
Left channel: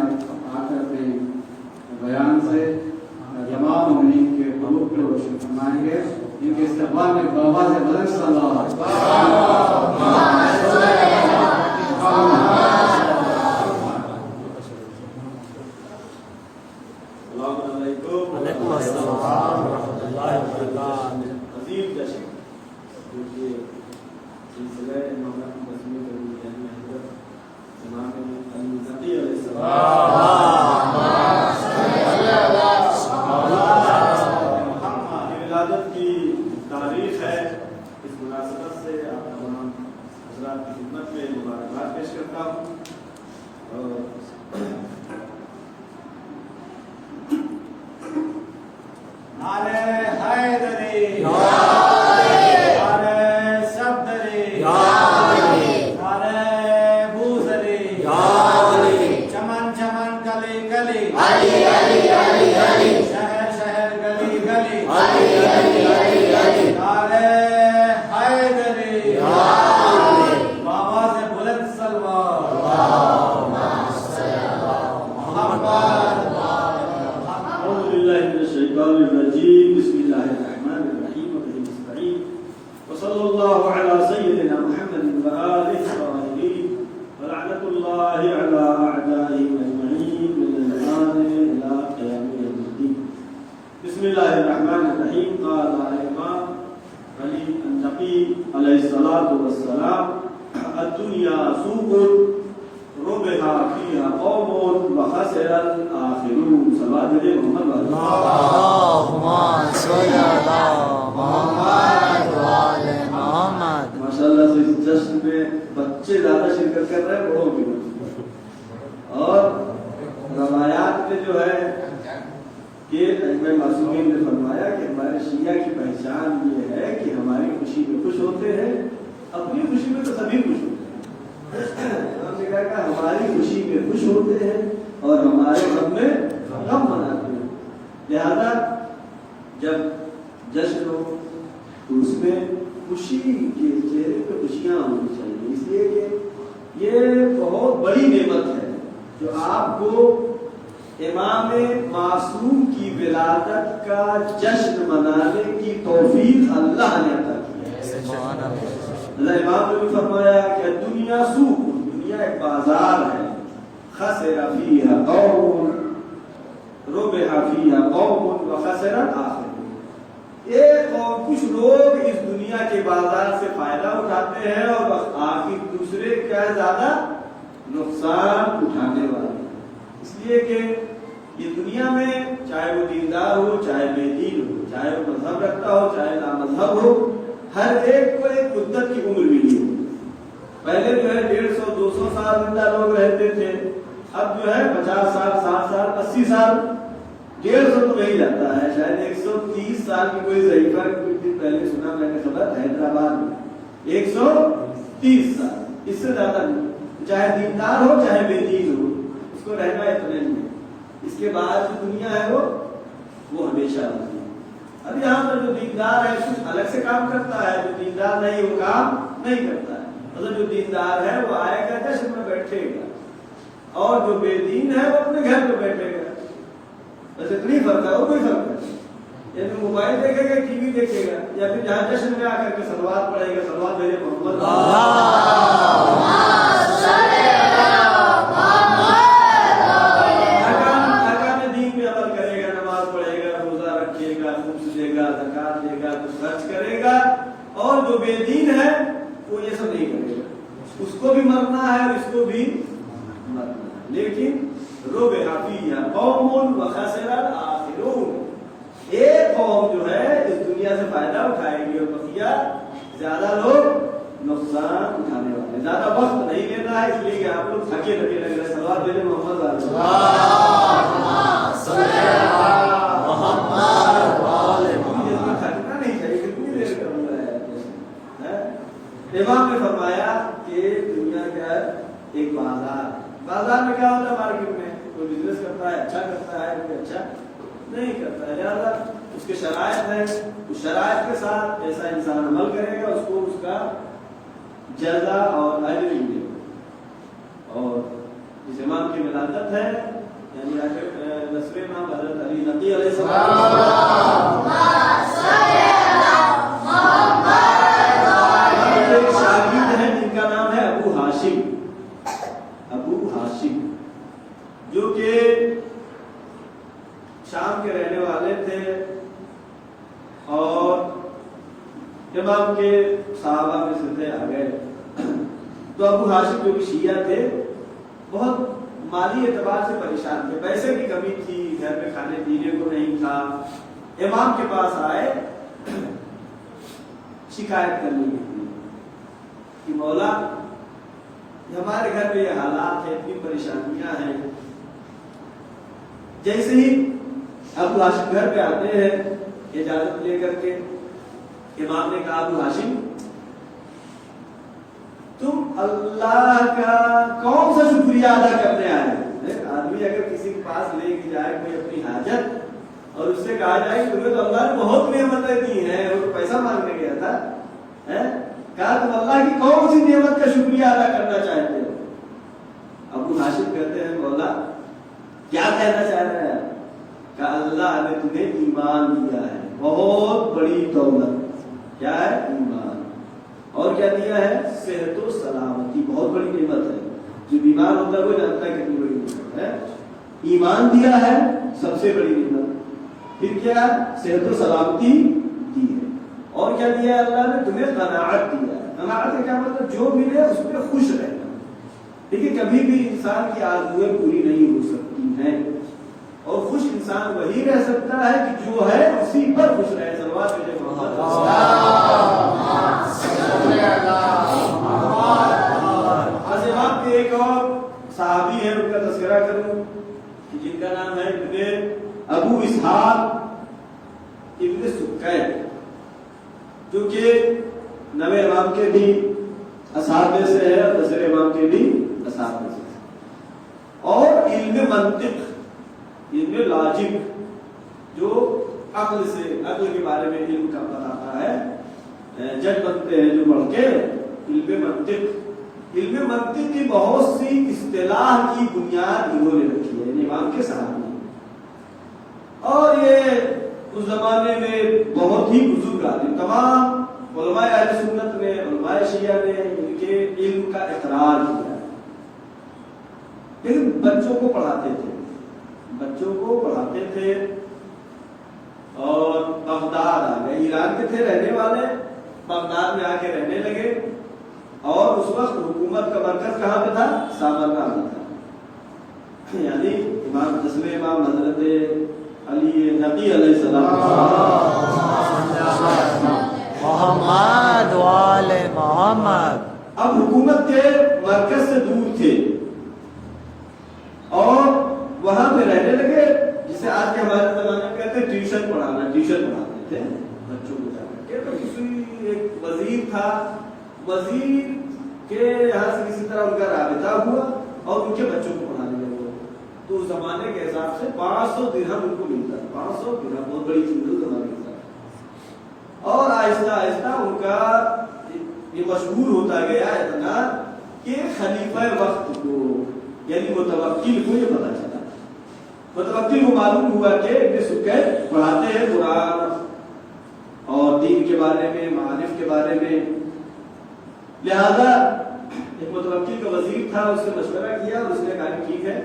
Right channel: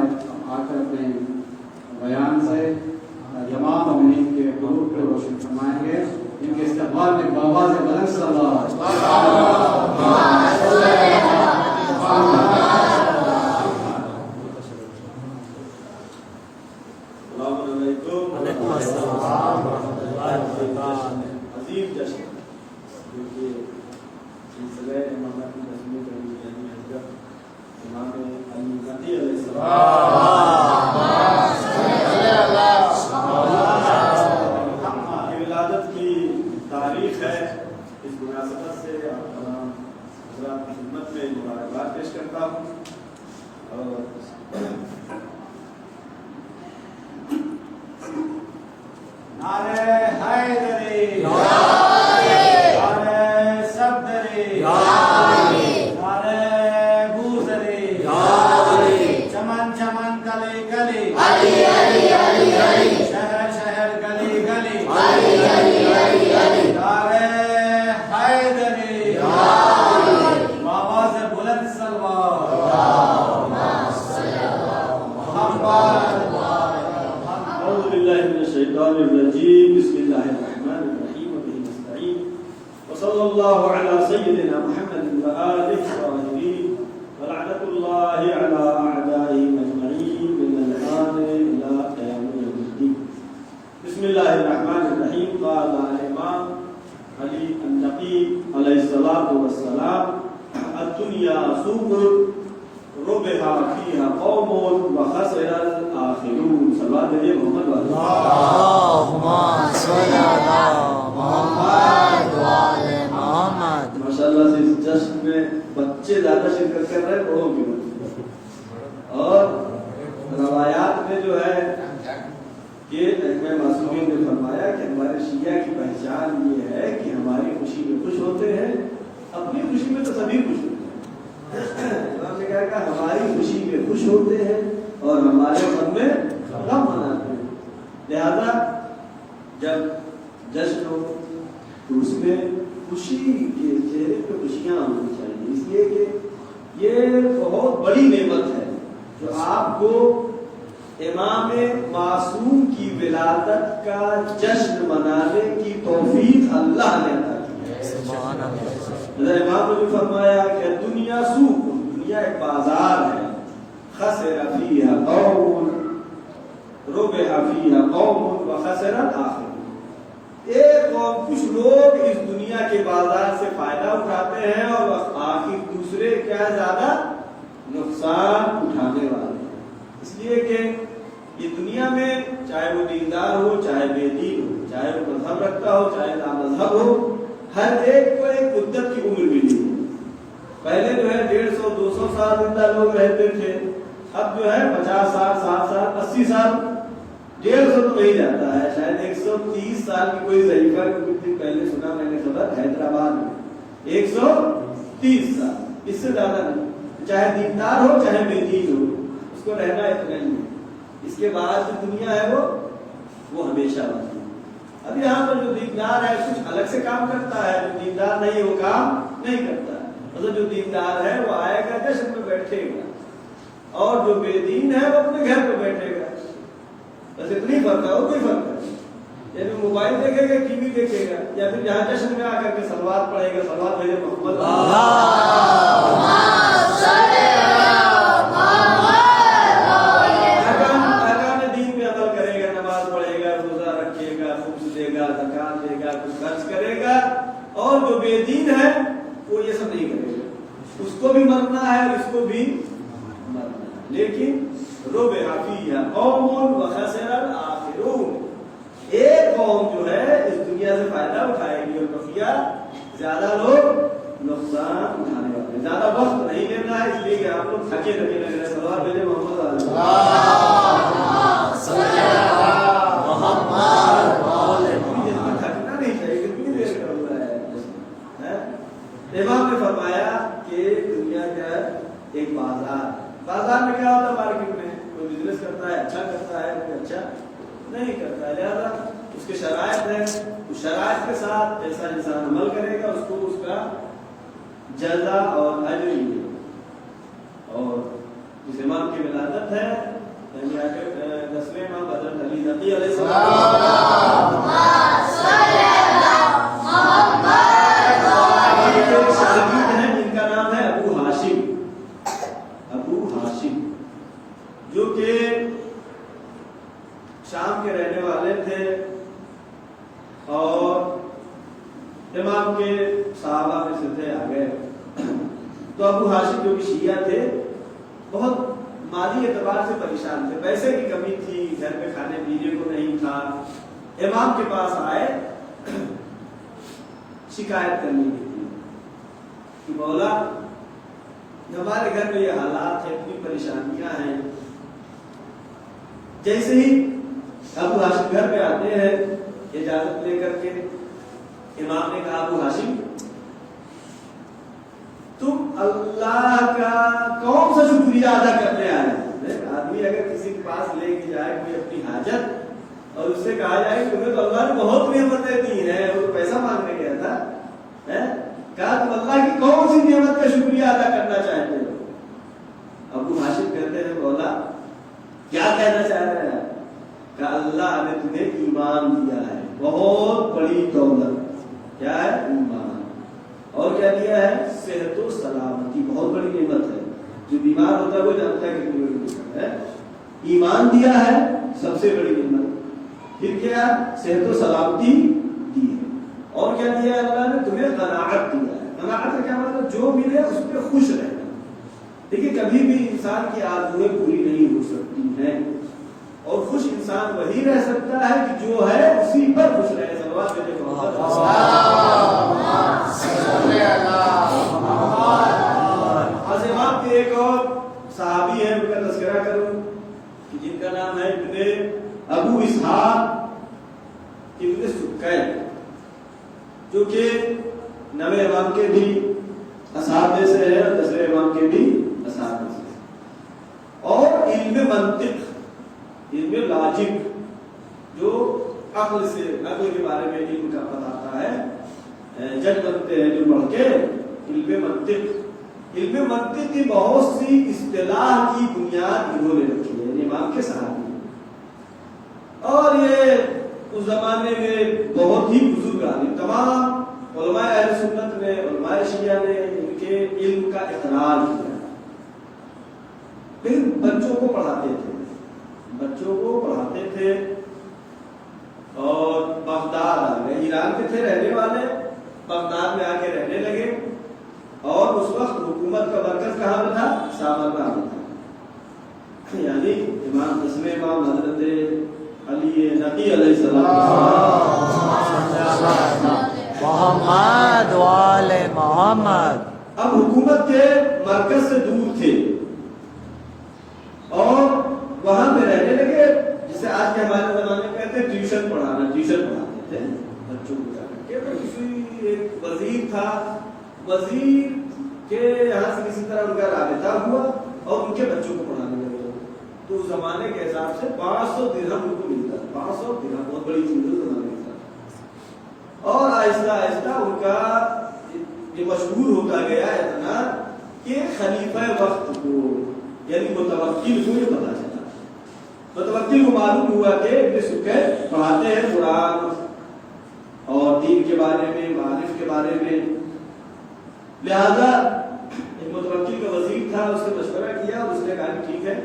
کر اپنے بیان سے جماعت مومنین کے قلوب پر روشن فرمائیں گے. ان کے استقبال میں بابا سے بلند صلی اللہ علیکم السلام ورحمۃ اللہ وبرکاتہ. عظیم جشن جو کہ سلسلہ مولانا کی تصویر کرنی یعنی حضرت امام علی نقی علیہ السلام کی ولادت کی تاریخ ہے. اس مناسبت سے آپ تمام حضرات کی خدمت میں مبارکباد پیش کرتا ہوں. نعرہ حیدری، نعرہ صفدری، نعرہ بوذری، چمن چمن گلی گلی، شہر شہر گلی گلی، نعرہ حیدری، بابا سے بلند سلوات. اعوذ باللہ من الشیطان الرجیم. بسم اللہ الرحمن الرحیم وبہ نستعین وصلی اللہ علی سیدنا محمد وآلہ الطاہرین ولعنۃ اللہ علی اعدائهم اجمعین من الآن الی قیام یوم الدین. بسم اللہ الرحمن الرحیم. قال الامام علی النقی علیہ الصلاۃ والسلام الدنیا سوق ربح فيها قوم وخسر الآخرون. صلاة محمد اللہم صل علی محمد وعلی محمد. ماشاءاللہ سے اس جشن میں بچے زیادہ شرکت کر رہے ہیں بڑوں کی بات. اور روایات میں جو ہے کہ ائمہ معصومین نے فرمایا کہ ہمارے شیعہ کی پہچان یہ ہے کہ ہماری خوشی میں خوش ہوتے ہیں. اپنی خوشی میں تو سبھی خوش ہوتے ہیں. ہم نے کہا کہ ہماری خوشی میں خوش ہوتے ہیں اور ہمارے غم میں غم مناتے ہیں. لہذا جب جشن ہو تو اس میں خوشی کے چہرے پہ خوشیاں ہونی چاہیے. اس لیے کہ یہ بہت بڑی نعمت ہے جو آپ کو امام معصوم کی ولادت کا جشن منانے کی توفیق اللہ نے عطا کی ہے. سبحان اللہ. امام نے فرمایا کہ دنیا سوق، دنیا ایک بازار ہے. خسر فیہا قوم ربح فیہا قوم وخسر الآخرون. ایک قوم کچھ لوگ اس دنیا کے بازار سے فائدہ اٹھاتے ہیں اور آخر دوسرے کیا زیادہ نقصان اٹھانے والے. اس لیے کہ یہ دنیا میں چاہے وہ دیندار ہو چاہے بے دین ہو، چاہے وہ مذہب رکھتا ہو چاہے نامذہب ہو، ہر ایک کو ایک مدت کی عمر ملی ہے. پہلے جو ہے 150-200 سال زندہ لوگ رہتے تھے. اب جو ہے 50 سال 60 سال 80 سال 150 تو نہیں جاتا ہے. شاید 130 سال کی کوئی ضعیفہ کچھ دن پہلے سنا میں نے خبر حیدرآباد میں 130 سال، اس سے زیادہ نہیں. چاہے دیندار ہو چاہے بے دین ہو، اس کو رہنا اتنا نہیں ہے. اس کے بعد جو دنیا ہے وہ ہمیشہ ہوتی ہے. اب یہاں پر جو دیندار ہے کچھ الگ سے کام کرتا ہے، جو دیندار نہیں وہ کام نہیں کرتا ہے. مطلب جو دیندار ہے وہ آئے گا جشن میں بیٹھے گا اور جو بے دین ہے وہ اپنے گھر میں بیٹھے گا. بس اتنی فرق ہے، وہ کوئی فرق نہیں. یا پھر موبائل دیکھے گا ٹی وی دیکھے گا یا پھر جہاں جشن میں آ کر کے سلوات پڑھے گا. سلوات بھیجے محمد زکات دے گا، کچھ خرچ کرے گا. اور جو بے دین ہے وہ یہ سب نہیں کرے گا. اس کو بھی مرنا ہے اور اس کو بھی مرنا ہے. لیکن ربح فیہا قوم وخسر الآخرون. ایک قوم جو ہے اس دنیا سے فائدہ اٹھائے گی اور بقیہ زیادہ لوگ نقصان اٹھانے والے ہیں. زیادہ وقت نہیں لینا ہے اس لیے کہ آپ لوگ تھکے لگے رہ گئے. سوال میرے محمد تھکنا نہیں چاہیے. کتنی دیر کر رہا ہے. امام نے فرمایا کہ دنیا کا ایک بازار بازار میں کیا ہوتا ہے، مارکیٹ میں کوئی بزنس کرتا ہے اچھا کرتا ہے، کوئی اچھا نہیں کرتا ہے، لہٰذا اس کے شرائط ہیں، اس شرائط کے ساتھ ایسا انسان عمل کرے گا، اس کو اس کا جزا اور اجر ملے گا۔ اور اس امام کی ولادت ہے، یعنی 10ویں امام حضرت علی نقی علیہ السلام شاگرد ہیں جن کا نام ہے ابو ہاشم، جو کہ شام کے رہنے والے تھے اور امام کے صحابہ میں سے تھے آگے۔ تو ابو ہاشم جو کہ شیعہ تھے، بہت مالی اعتبار سے پریشان تھے، پیسے کی کمی تھی، گھر میں کھانے پینے کو نہیں تھا۔ امام کے پاس آئے شکایت کرنے کے لیے کہ مولا ہمارے گھر میں یہ حالات ہیں، اتنی پریشانیاں ہیں۔ جیسے ہی ابو ہاشم گھر پہ آتے ہیں اجازت لے کر کے، امام نے کہا ابو ہاشم تم اللہ کا کون سا شکریہ ادا کرنے آئے ہو؟ آدمی اگر کسی کے پاس لے کے جائے کوئی اپنی حاجت اور اس سے کہا جائے کہ تمہیں تو اللہ نے بہت نعمتیں دی ہیں، وہ پیسہ مانگنے گیا تھا، کہا تم اللہ کی کون سی نعمت کا شکریہ ادا کرنا چاہتے ہو؟ ابو ہاشم کہتے ہیں مولا کیا کہنا چاہ رہے ہیں؟ کہ اللہ نے تمہیں ایمان دیا ہے، بہت بڑی دولت، کیا ہے؟ ایمان، اور کیا دیا ہے؟ صحت و سلامتی، بہت بڑی نعمت ہے، جو بیمار ہوتا ہے وہ جانتا ہے کتنی بڑی نعمت ہے۔ ایمان دیا ہے سب سے بڑی نعمت، پھر کیا؟ صحت و سلامتی دی ہے، اور کیا دیا ہے؟ اللہ نے تمہیں قناعت دیا ہے۔ قناعت کا کیا مطلب؟ جو ملے اس پہ خوش رہنا۔ لیکن کبھی بھی انسان کی آرزویں پوری نہیں ہو سکتی ہیں، اور خوش انسان وہی رہ سکتا ہے کہ جو ہے اسی پر خوش رہے۔ صلوات بھیجے محمد۔ بس امام کے ایک اور صحابی ہیں، ان کا تذکرہ کروں کہ جن کا نام ہے ابن ابو اسحاق ابن سکے، جو کہ 9ویں امام کے بھی اصحاب میں سے ہے، 10ویں امام کے بھی اصحاب میں سے ہے، اور علم منطق، علم لاجک، جو عقل کے بارے میں علم کا بتاتا ہے، جج بنتے ہیں جو پڑھ کے علم منطق کی بہت سی اصطلاح کی بنیاد انہوں نے رکھی ہے، یعنی امام کے صحابی، اور یہ اس زمانے میں بہت ہی بزرگ آدمی، تمام علماء اہل سنت میں، علماء شیعہ نے ان کے علم کا اقرار کیا، لیکن بچوں کو پڑھاتے تھے، اور بغداد آ گئے، ایران کے تھے رہنے والے، بغداد میں آ کے رہنے لگے، اور اس وقت حکومت کا مرکز کہاں پہ تھا؟ سامرقند میں تھا، یعنی امام 10ویں امام حضرت علی نقی علیہ السلام محمد وآل محمد اب حکومت کے مرکز سے دور تھے، اور وہاں پہ رہنے لگے، جسے آج کے ہمارے زمانے میں کہتے ہیں ٹیوشن پڑھاتے تھے بچوں کو جا کر کے۔ تو کسی ایک وزیر تھا، وزیر کے یہاں سے کسی طرح ان کا رابطہ ہوا اور ان کے بچوں کو پڑھانے لگے، تو اس زمانے کے حساب سے 500 درہم ان کو ملتا ہے، 500 درہم بہت بڑی چیز ہے زمانے کے حساب، اور آہستہ آہستہ ان کا یہ مشہور ہوتا گیا اتنا کہ خلیفہ وقت کو، یعنی متوکل کو یہ پتا چلا، متوکل کو معلوم ہوا کہ ابن سکے پڑھاتے ہیں قرآن اور دین کے بارے میں، معارف کے بارے میں، لہذا ایک متوکل کا وزیر تھا، اس نے مشورہ کیا، اس نے کہا کہ ٹھیک ہے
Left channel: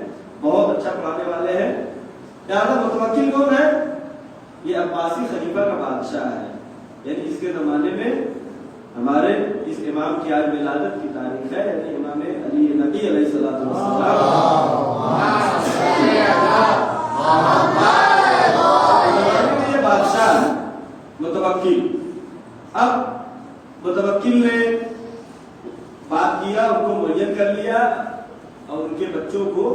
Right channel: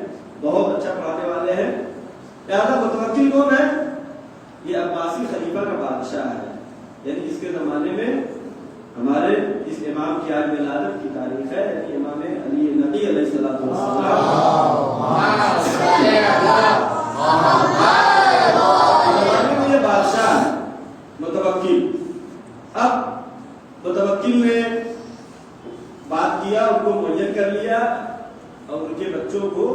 بہت اچھا پڑھانے والے ہیں، لہذا متوکل کون ہے؟ یہ عباسی خلیفہ کا بادشاہ ہے، یعنی اس کے زمانے میں ہمارے اس امام کی آج ولادت کی تاریخ ہے، یعنی امام علی نبی علیہ السلام یہ بادشاہ متوکل۔ اب متوکل نے بات کیا، ان کو معین کر لیا، اور ان کے بچوں کو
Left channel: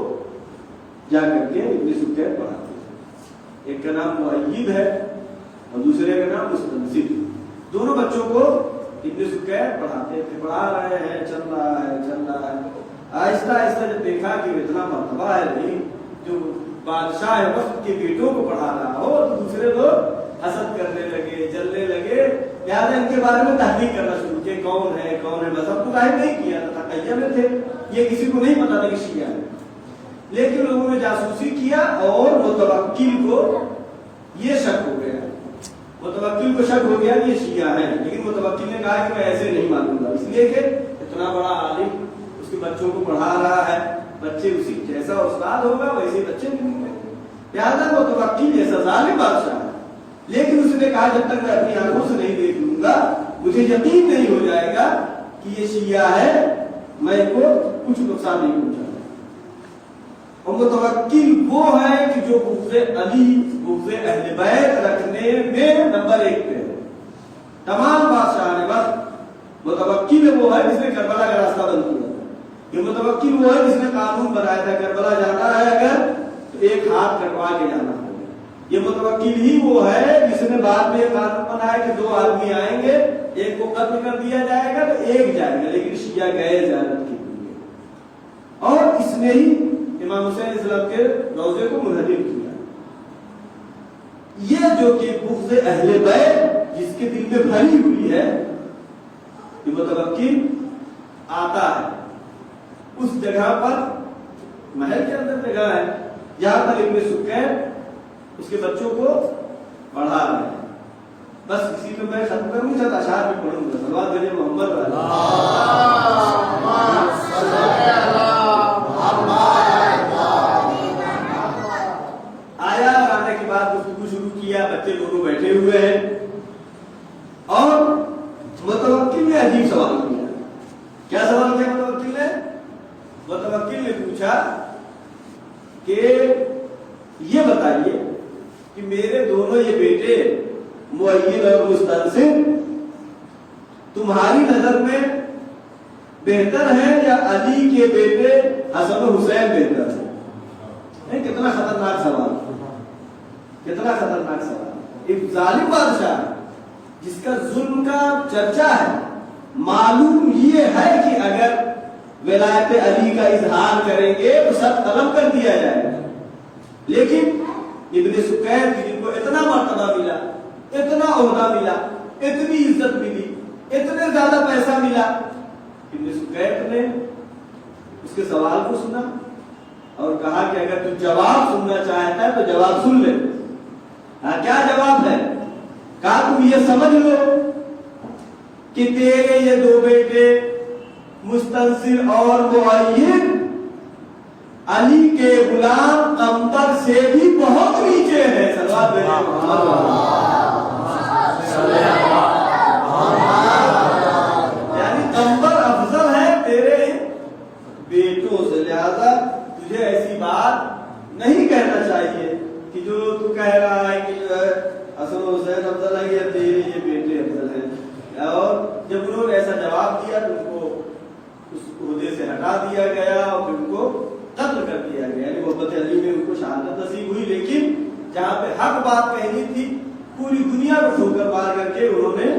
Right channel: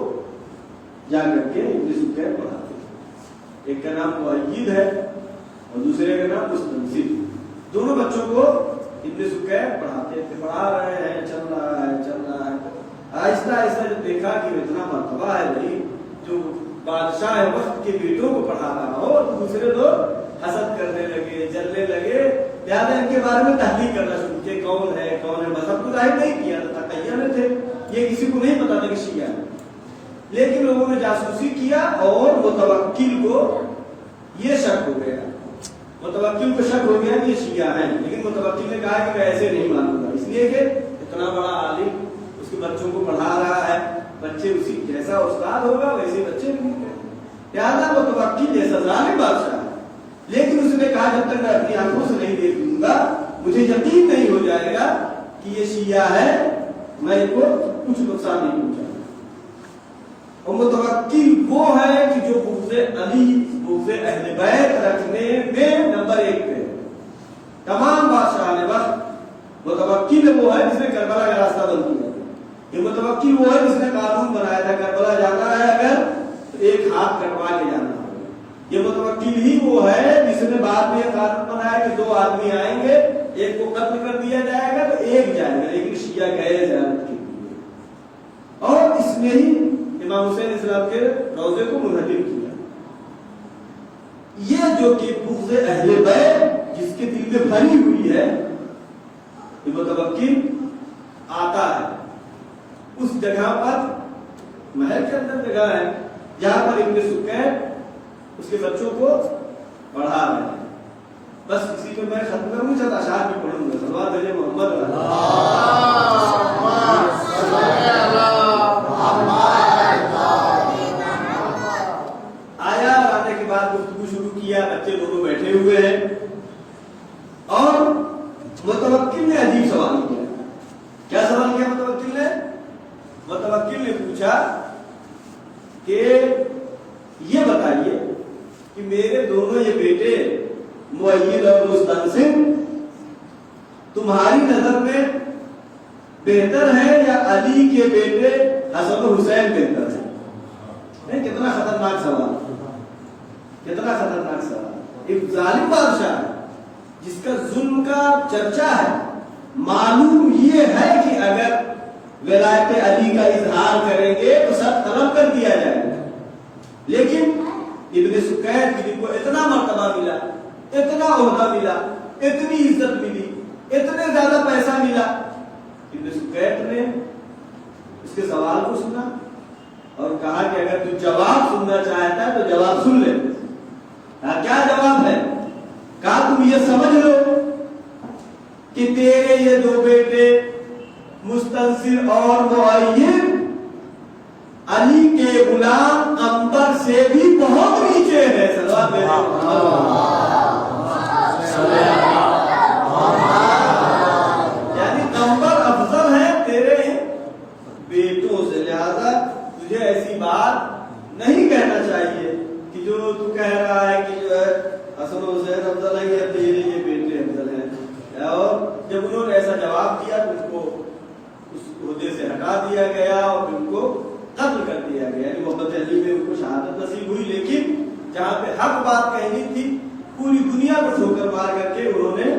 جا کر کے ابن سکے پڑھاتے ہیں، ایک کا نام مؤید ہے اور دوسرے کا نام مستنصر، دونوں بچوں کو ابن سکے پڑھاتے تھے، پڑھا رہے ہیں، چل رہا ہے، آہستہ آہستہ جب دیکھا کہ اتنا مرتبہ ہے بھائی جو بادشاہ وقت کے بیٹوں کو پڑھا رہا ہو تو دوسرے لوگ حسد کرنے لگے، جلنے لگے، لہٰذا ان کے بارے میں تحقیق کرنا شروع کیا، کون ہے مذہب کو ظاہر نہیں کیا تھا، تقیہ میں تھے، یہ کسی کو نہیں پتا تھا کہ شیعہ ہے، لیکن لوگوں نے جاسوسی کیا اور متوکل کو یہ شک ہو گیا، متوکل کو شک ہو گیا کہ یہ شیعہ ہے، لیکن متوکل نے کہا کہ میں ایسے نہیں مانوں گا، اس لیے کہ اتنا بڑا عالم اس کے بچوں کو پڑھا رہا ہے، بچے اسی جیسا استاد ہوگا ویسے بچے نہیں ہوں گے، لہٰذا متوکل جیسا ظالم بادشاہ ہے، لیکن اس نے کہا جب تک میں اپنی آنکھوں سے نہیں دیکھ لوں گا مجھے یقین نہیں ہو جائے گا کہ یہ شیعہ ہے، میں ان کو کچھ نقصان نہیں پہنچاؤں گا۔ اور متوکل وہ ہے کہ جو بغض علی، بغض اہل بیت رکھنے میں نمبر 1 پہ ہے، تمام بادشاہ نے بس متوکل وہ ہے جس نے کربلا کا راستہ بند کیا، یہ متوکل وہ ہے جس نے قانون بنایا تھا کربلا جانا ہے اگر تو ایک ہاتھ کٹوا کے جانا ہے، یہ متوکل ہی وہ ہے جس نے بعد میں یہ قانون بنایا کہ 2 آدمی آئیں گے، ایک کو قتل کر دیا جائے گا تو ایک جائے گا، لیکن شیعہ گئے زیارت کے لیے، اور اس نے ہی امام حسین علیہ السلام کے روضے کو منہدم کیا۔ یہ جو کہ بغض اہل بیت جس کے دل میں بھری ہوئی ہے، یہ متوکل آتا ہے اس جگہ پر، محل کے اندر جگہ ہے جہاں پر ابن سکین اس کے بچوں کو پڑھا رہے ہیں، بس اسی میں میں ختم کروں گا، اشعار بھی پڑھوں گا، صلوات بھیجے محمد آیا، آنے کے بعد گفتگو شروع کیا، بچے دونوں بیٹھے ہوئے ہیں اور متوکل نے عجیب سوال کیا۔ کیا سوال کیا متوکل نے؟ متوکل نے پوچھا کہ یہ بتائیے کہ میرے دونوں یہ بیٹے مؤید اور مستنصر تمہاری نظر میں بہتر ہیں یا علی کے بیٹے حسن و حسین بہتر ہیں؟ کتنا خطرناک سوال، کتنا خطرناک سوال۔ ایک ظالم بادشاہ ہے جس کا ظلم کا چرچا ہے، معلوم یہ ہے کہ اگر ولایت علی کا اظہار کریں گے تو سب قلم کر دیا جائے گا، لیکن ابن سکین کی جن کو اتنا مرتبہ ملا، اتنا عہدہ ملا، اتنی عزت ملی، اتنے زیادہ پیسہ ملا، ابن سکین نے اس کے سوال کو سنا اور کہا کہ اگر تو جواب سننا چاہتا ہے تو جواب سن لے۔ کیا جواب ہے؟ کہا تم یہ سمجھ لو کہ تیرے یہ 2 بیٹے مستنصر اور مؤید علی کے غلام قمبر سے بھی بہت نیچے ہے۔ یعنی قمبر افضل ہے تیرے بیٹوں سے، لہذا تجھے ایسی بات نہیں کہنا چاہیے کہ جو تو کہہ رہا ہے کہ جو ہے حسن و حسین افضل ہے یا تیرے یہ بیٹے افضل ہیں۔ اور جب انہوں نے ایسا جواب دیا تو ان کو اس عہدے سے ہٹا دیا گیا اور ان کو قتل کر دیا گیا، یعنی محبت علی میں ان کو شہادت نصیب ہوئی، لیکن جہاں پہ حق بات کہنی تھی پوری دنیا کو ٹھوکر مار کر کے انہوں نے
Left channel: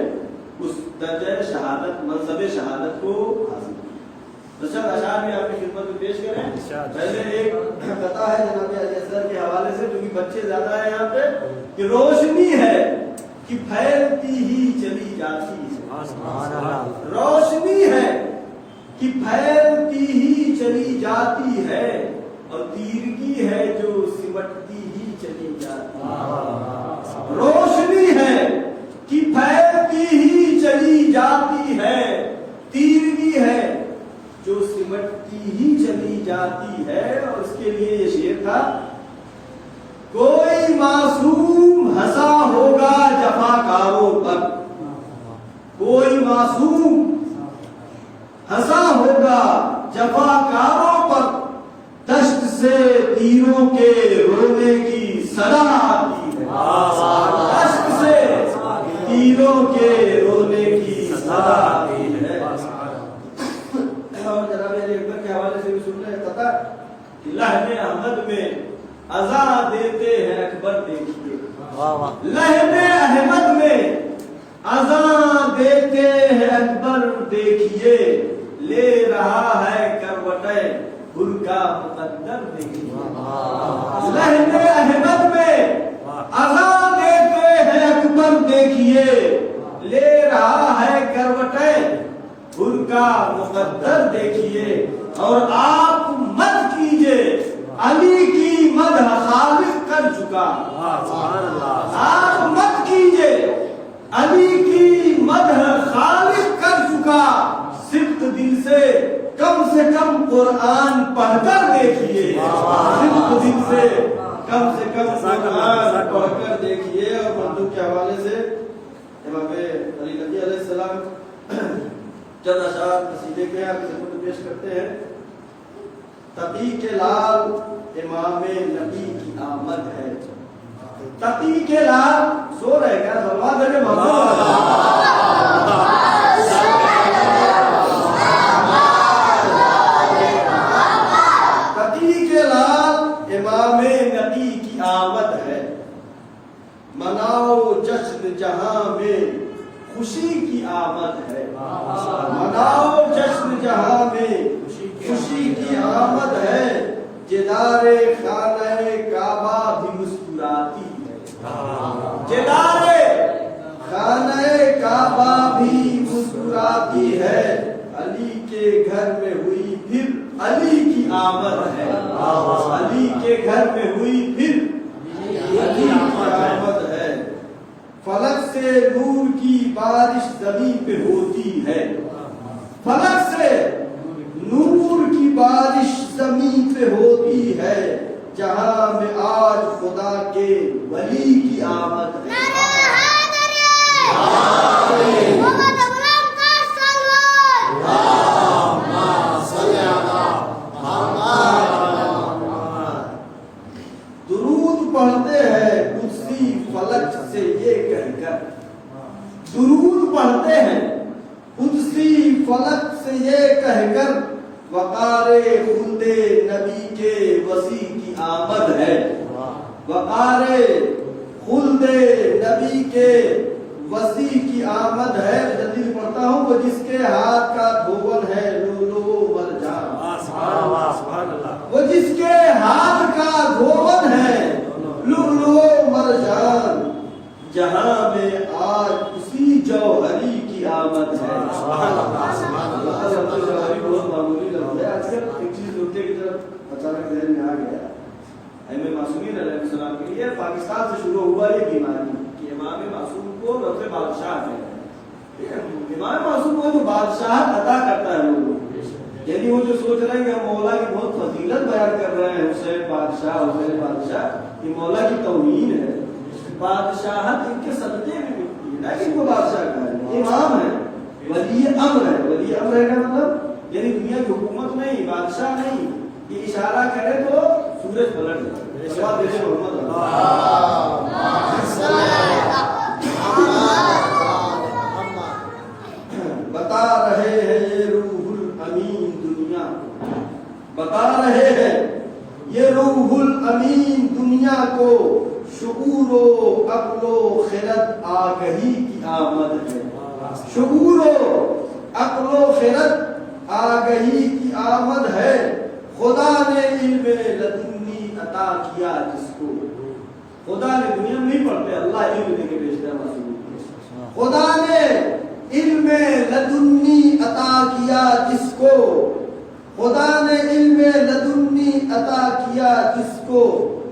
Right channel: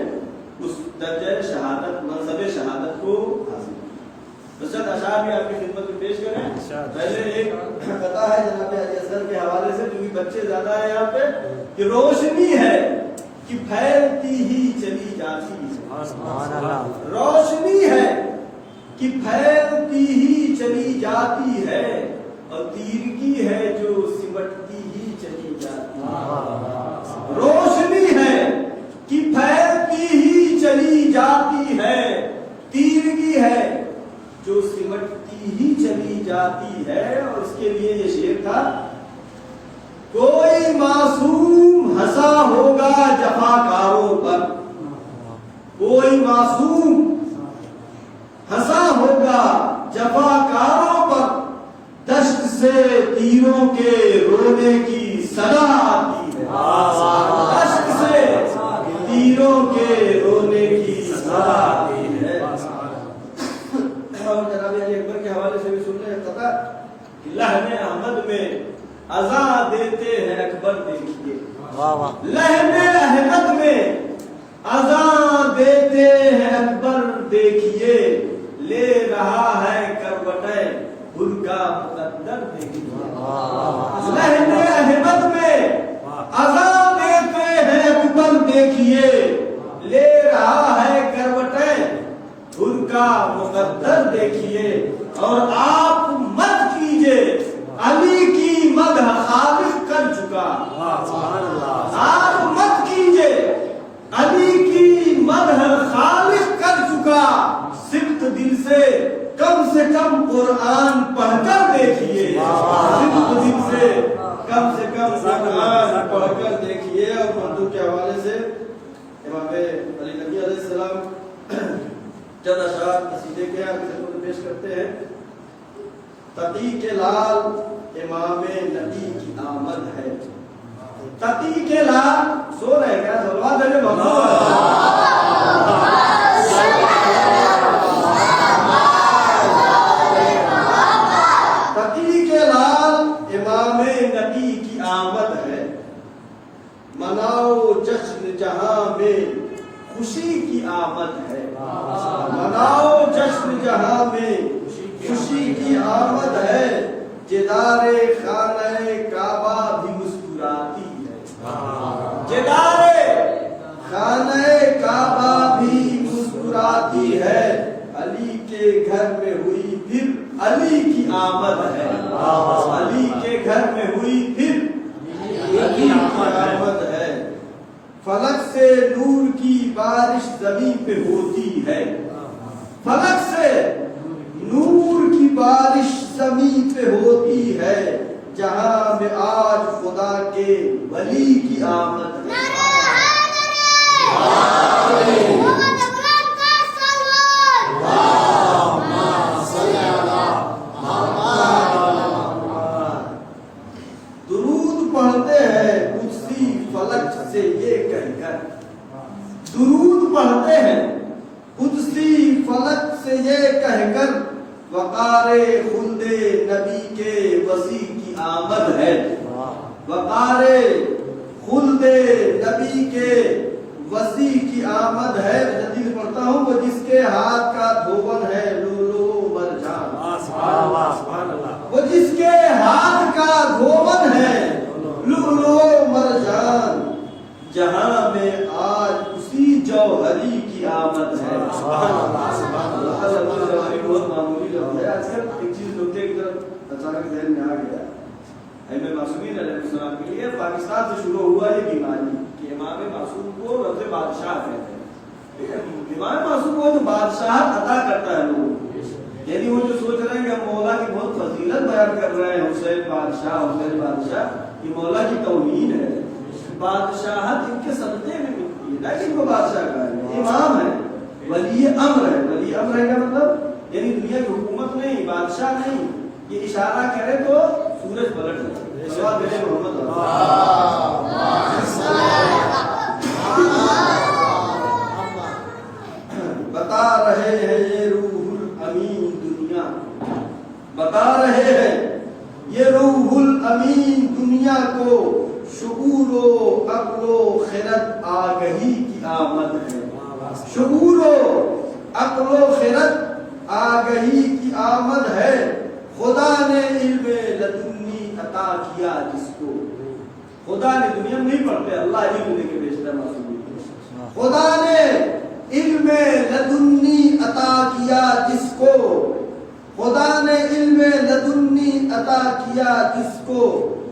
اس درجہ شہادت، منصب شہادت کو حاصل کیا۔ چند اشعار بھی آپ کی خدمت میں پیش کریں۔ پہلے ایک قطعہ ہے جناب علی اصغر کے حوالے سے، کیونکہ بچے زیادہ ہیں یہاں پہ، کہ روشنی ہے کہ پھیلتی ہی چلی جاتی ہے، روشنی ہے کہ پھیلتی ہی چلی جاتی ہے، اور تیرگی ہے جو سمٹتی ہی چلی جاتی ہے۔ روشنی ہے کہ پھیلتی ہی چلی جاتی ہے، تیرگی ہے جو سمٹتی ہی چلی جاتی ہے۔ اور اس کے لیے یہ شعر تھا، کوئی معصوم ہنسا ہوگا جفاکاروں پر، کوئی معصوم ہنسا ہوگا جفاکاروں پر، دشت سے تیروں کے رونے کی صدا آتی ہے، دشت سے تیروں کے رونے کی صدا آتی ہے۔ اور جناب علی اکبر کے حوالے سے بھی سننے کا پتا کہ لہم احمد میں اذان دیتے ہیں اکبر دیکھیے، لہم احمد میں اذان دیتے ہیں اکبر دیکھیے، لے رہا ہے کروٹیں گل کا مقدر دیکھیے لہن احمد میں اذان دیتے ہیں اکبر دیکھیے لے رہا ہے کروٹیں گل کا مقدر دیکھیے اور آپ مت کیجئے علی کی مدح خالق کر چکا آپ مت کیجئے علی کی مدح خالق کر چکا صدق دل سے کم قرآن پڑھ کر دیکھیے صدق دل سے کم قرآن پڑھ کر دیکھیے اور اردو کے حوالے سے امام علی نبی علیہ السلام چند اشعار قصیدے کے خدمت پیش کرتے ہیں تقی کے لال امام نبی کی آمد ہے تقی کے لال سو رہے گا سلوات ہے تقی کے لال امام نبی کی آمد ہے مناؤ جشن جہاں میں خوشی کی آمد ہے مناؤ جشن جہاں میں خوشی کی آمد ہے جدار خانہ کعبہ بھی مسکراتی ہے جدار خانہ کعبہ بھی مسکراتی ہے علی کے گھر میں ہوئی پھر علی کی آمد ہے علی کے گھر میں ہوئی پھر علی کی آمد ہے فلک سے نور کی بارش زمین پہ ہوتی ہے فلک سے نور کی بارش زمین پہ ہوتی ہے جہاں میں آج خدا کے ولی کی آمد ہے درود پڑھتے ہیں قدسی فلک سے یہ کہہ کر درود پڑھتے ہیں قدسی فلک سے یہ کہہ کر وقار خلد نبی کے وسیع کی آمد ہے وقار خلد نبی کے وسیع کی آمد ہے جلدی پڑھتا ہوں وہ جس کے ہاتھ کا دھون ہے لولو مرجان وہ جس کے ہاتھ کا دھون ہے لولو مرجان جہاں میں آج اسی جوہری کی آمد ہے بہت معمولی لفظ ہے آج کل ایک چیز نکتے کی طرف اچانک ذہن میں آ گیا امام معصومین علیہ السلام کے لیے پاکستان سے شروع ہوا یہ بیماری کہ امام معصوم کو رب بادشاہ کہتے ہیں امام معصوم کو جو بادشاہ عطا کرتا ہے لوگوں یعنی وہ جو سوچ رہے ہیں کہ ہم مولا کی بہت فضیلت بیان کر رہے ہیں حسین بادشاہ یہ مولا کی توہین ہے بادشاہت ان کے صدقے میں ملتی ہے لیکن وہ بادشاہ کا ہے امام ہے ولی امر ہے ولی امر ہے کا مطلب یعنی دنیا کی حکومت نہیں بادشاہ نہیں یہ اشارہ کرے تو سورج پلٹ جائے بتا رہے ہیں یہ روح الامین دنیا بتا رہے ہیں یہ روح الامین دنیا کو شعور و عقل و خرد آگہی کی آمد ہے شعور و عقل و خرد آگہی کی آمد ہے خدا نے علم لدنی عطا کیا جس کو خدا نے دنیا میں نہیں پڑھتے اللہ علم دے کے بھیجتا ہے خدا نے علم لدنی عطا کیا جس کو خدا نے علم لدنی عطا کیا جس کو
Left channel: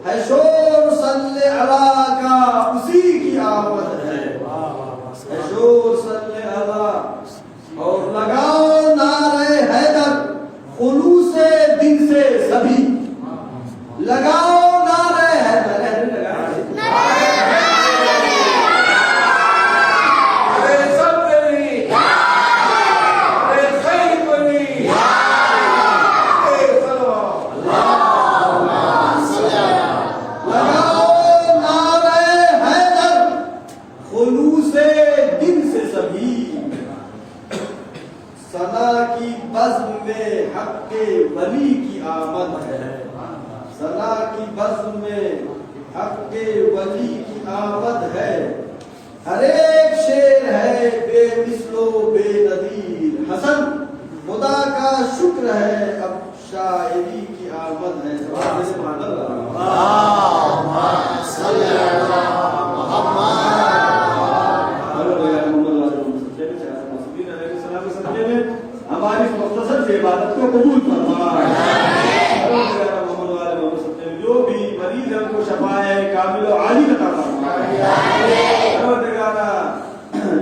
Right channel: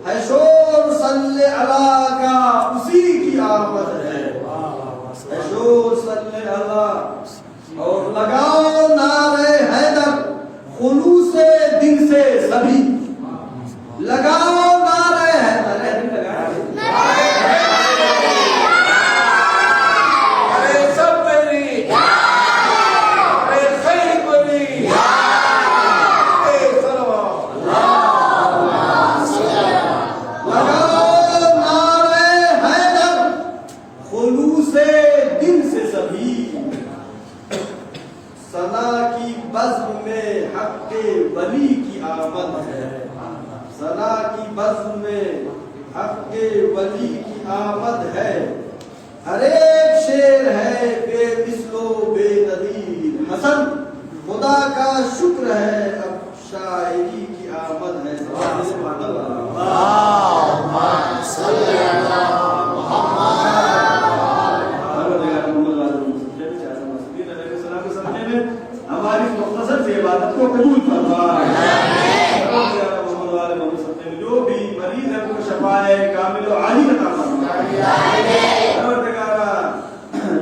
ہے شور صلی اللہ کا اسی کی آمد ہے شور صلی اللہ اور لگاؤ نعرہ حیدر خلوص دل سے سبھی لگاؤ نعرہ حیدر سنا کی بزم میں حق ولی کی آمد ہے سنا کی بزم میں حق ولی کی آمد ہے ہر ایک شیر ہے بے مثل و بے نظیر حسن خدا کا شکر ہے اب شاعری کی آمد ہے ہماری مختصر سے عبادت کو قبول فرما جو بھی مریض ہے ان کو شفائے کامل و عاجل عطا فرما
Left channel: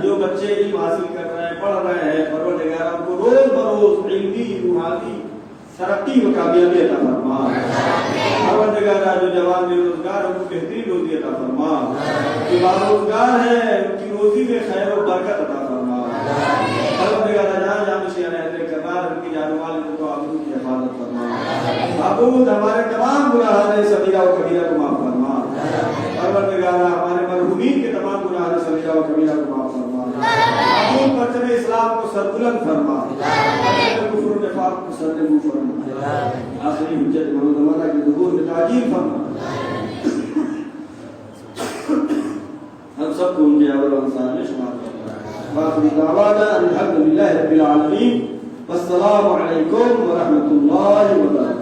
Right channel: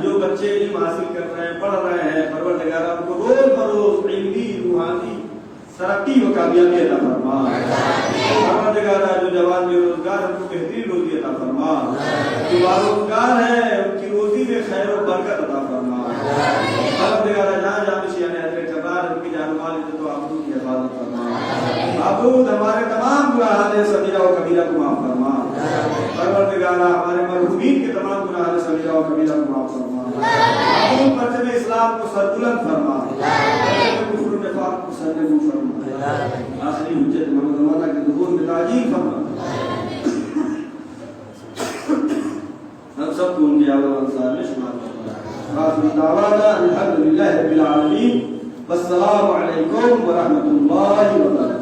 جو بچے علم حاصل کر رہے ہیں پڑھ رہے ہیں پروردگار ان کو روز بروز علمی روحانی ترقی و کامیابی عطا فرما پروردگار جو جوان بے روزگار ان کو بہترین روزی عطا فرما جو باروزگار ہیں ان کی روزی میں خیر و برکت عطا فرما پروردگار جہاں جہاں نشیان اعتبار ان کی جان مال عزت و آبرو کی حفاظت فرما معبود ہمارے تمام گناہان صغیرہ و کبیرہ کو معاف فرما پروردگار ہمارے مرحومین کے تمام گناہان صغیرہ و کبیرہ کو معاف فرما معبود پرچم اسلام کو سربلند فرما کفر و نفاق کو سرنگون فرما آخری حجت محمد زمانہ کے ظہور میں تعجیل فرما ہم سب کو ان کے اول انصار میں شمار کرنا باقی دعوانا الحمدللہ رب العالمین والسلام علیکم ورحمۃ اللہ وبرکاتہ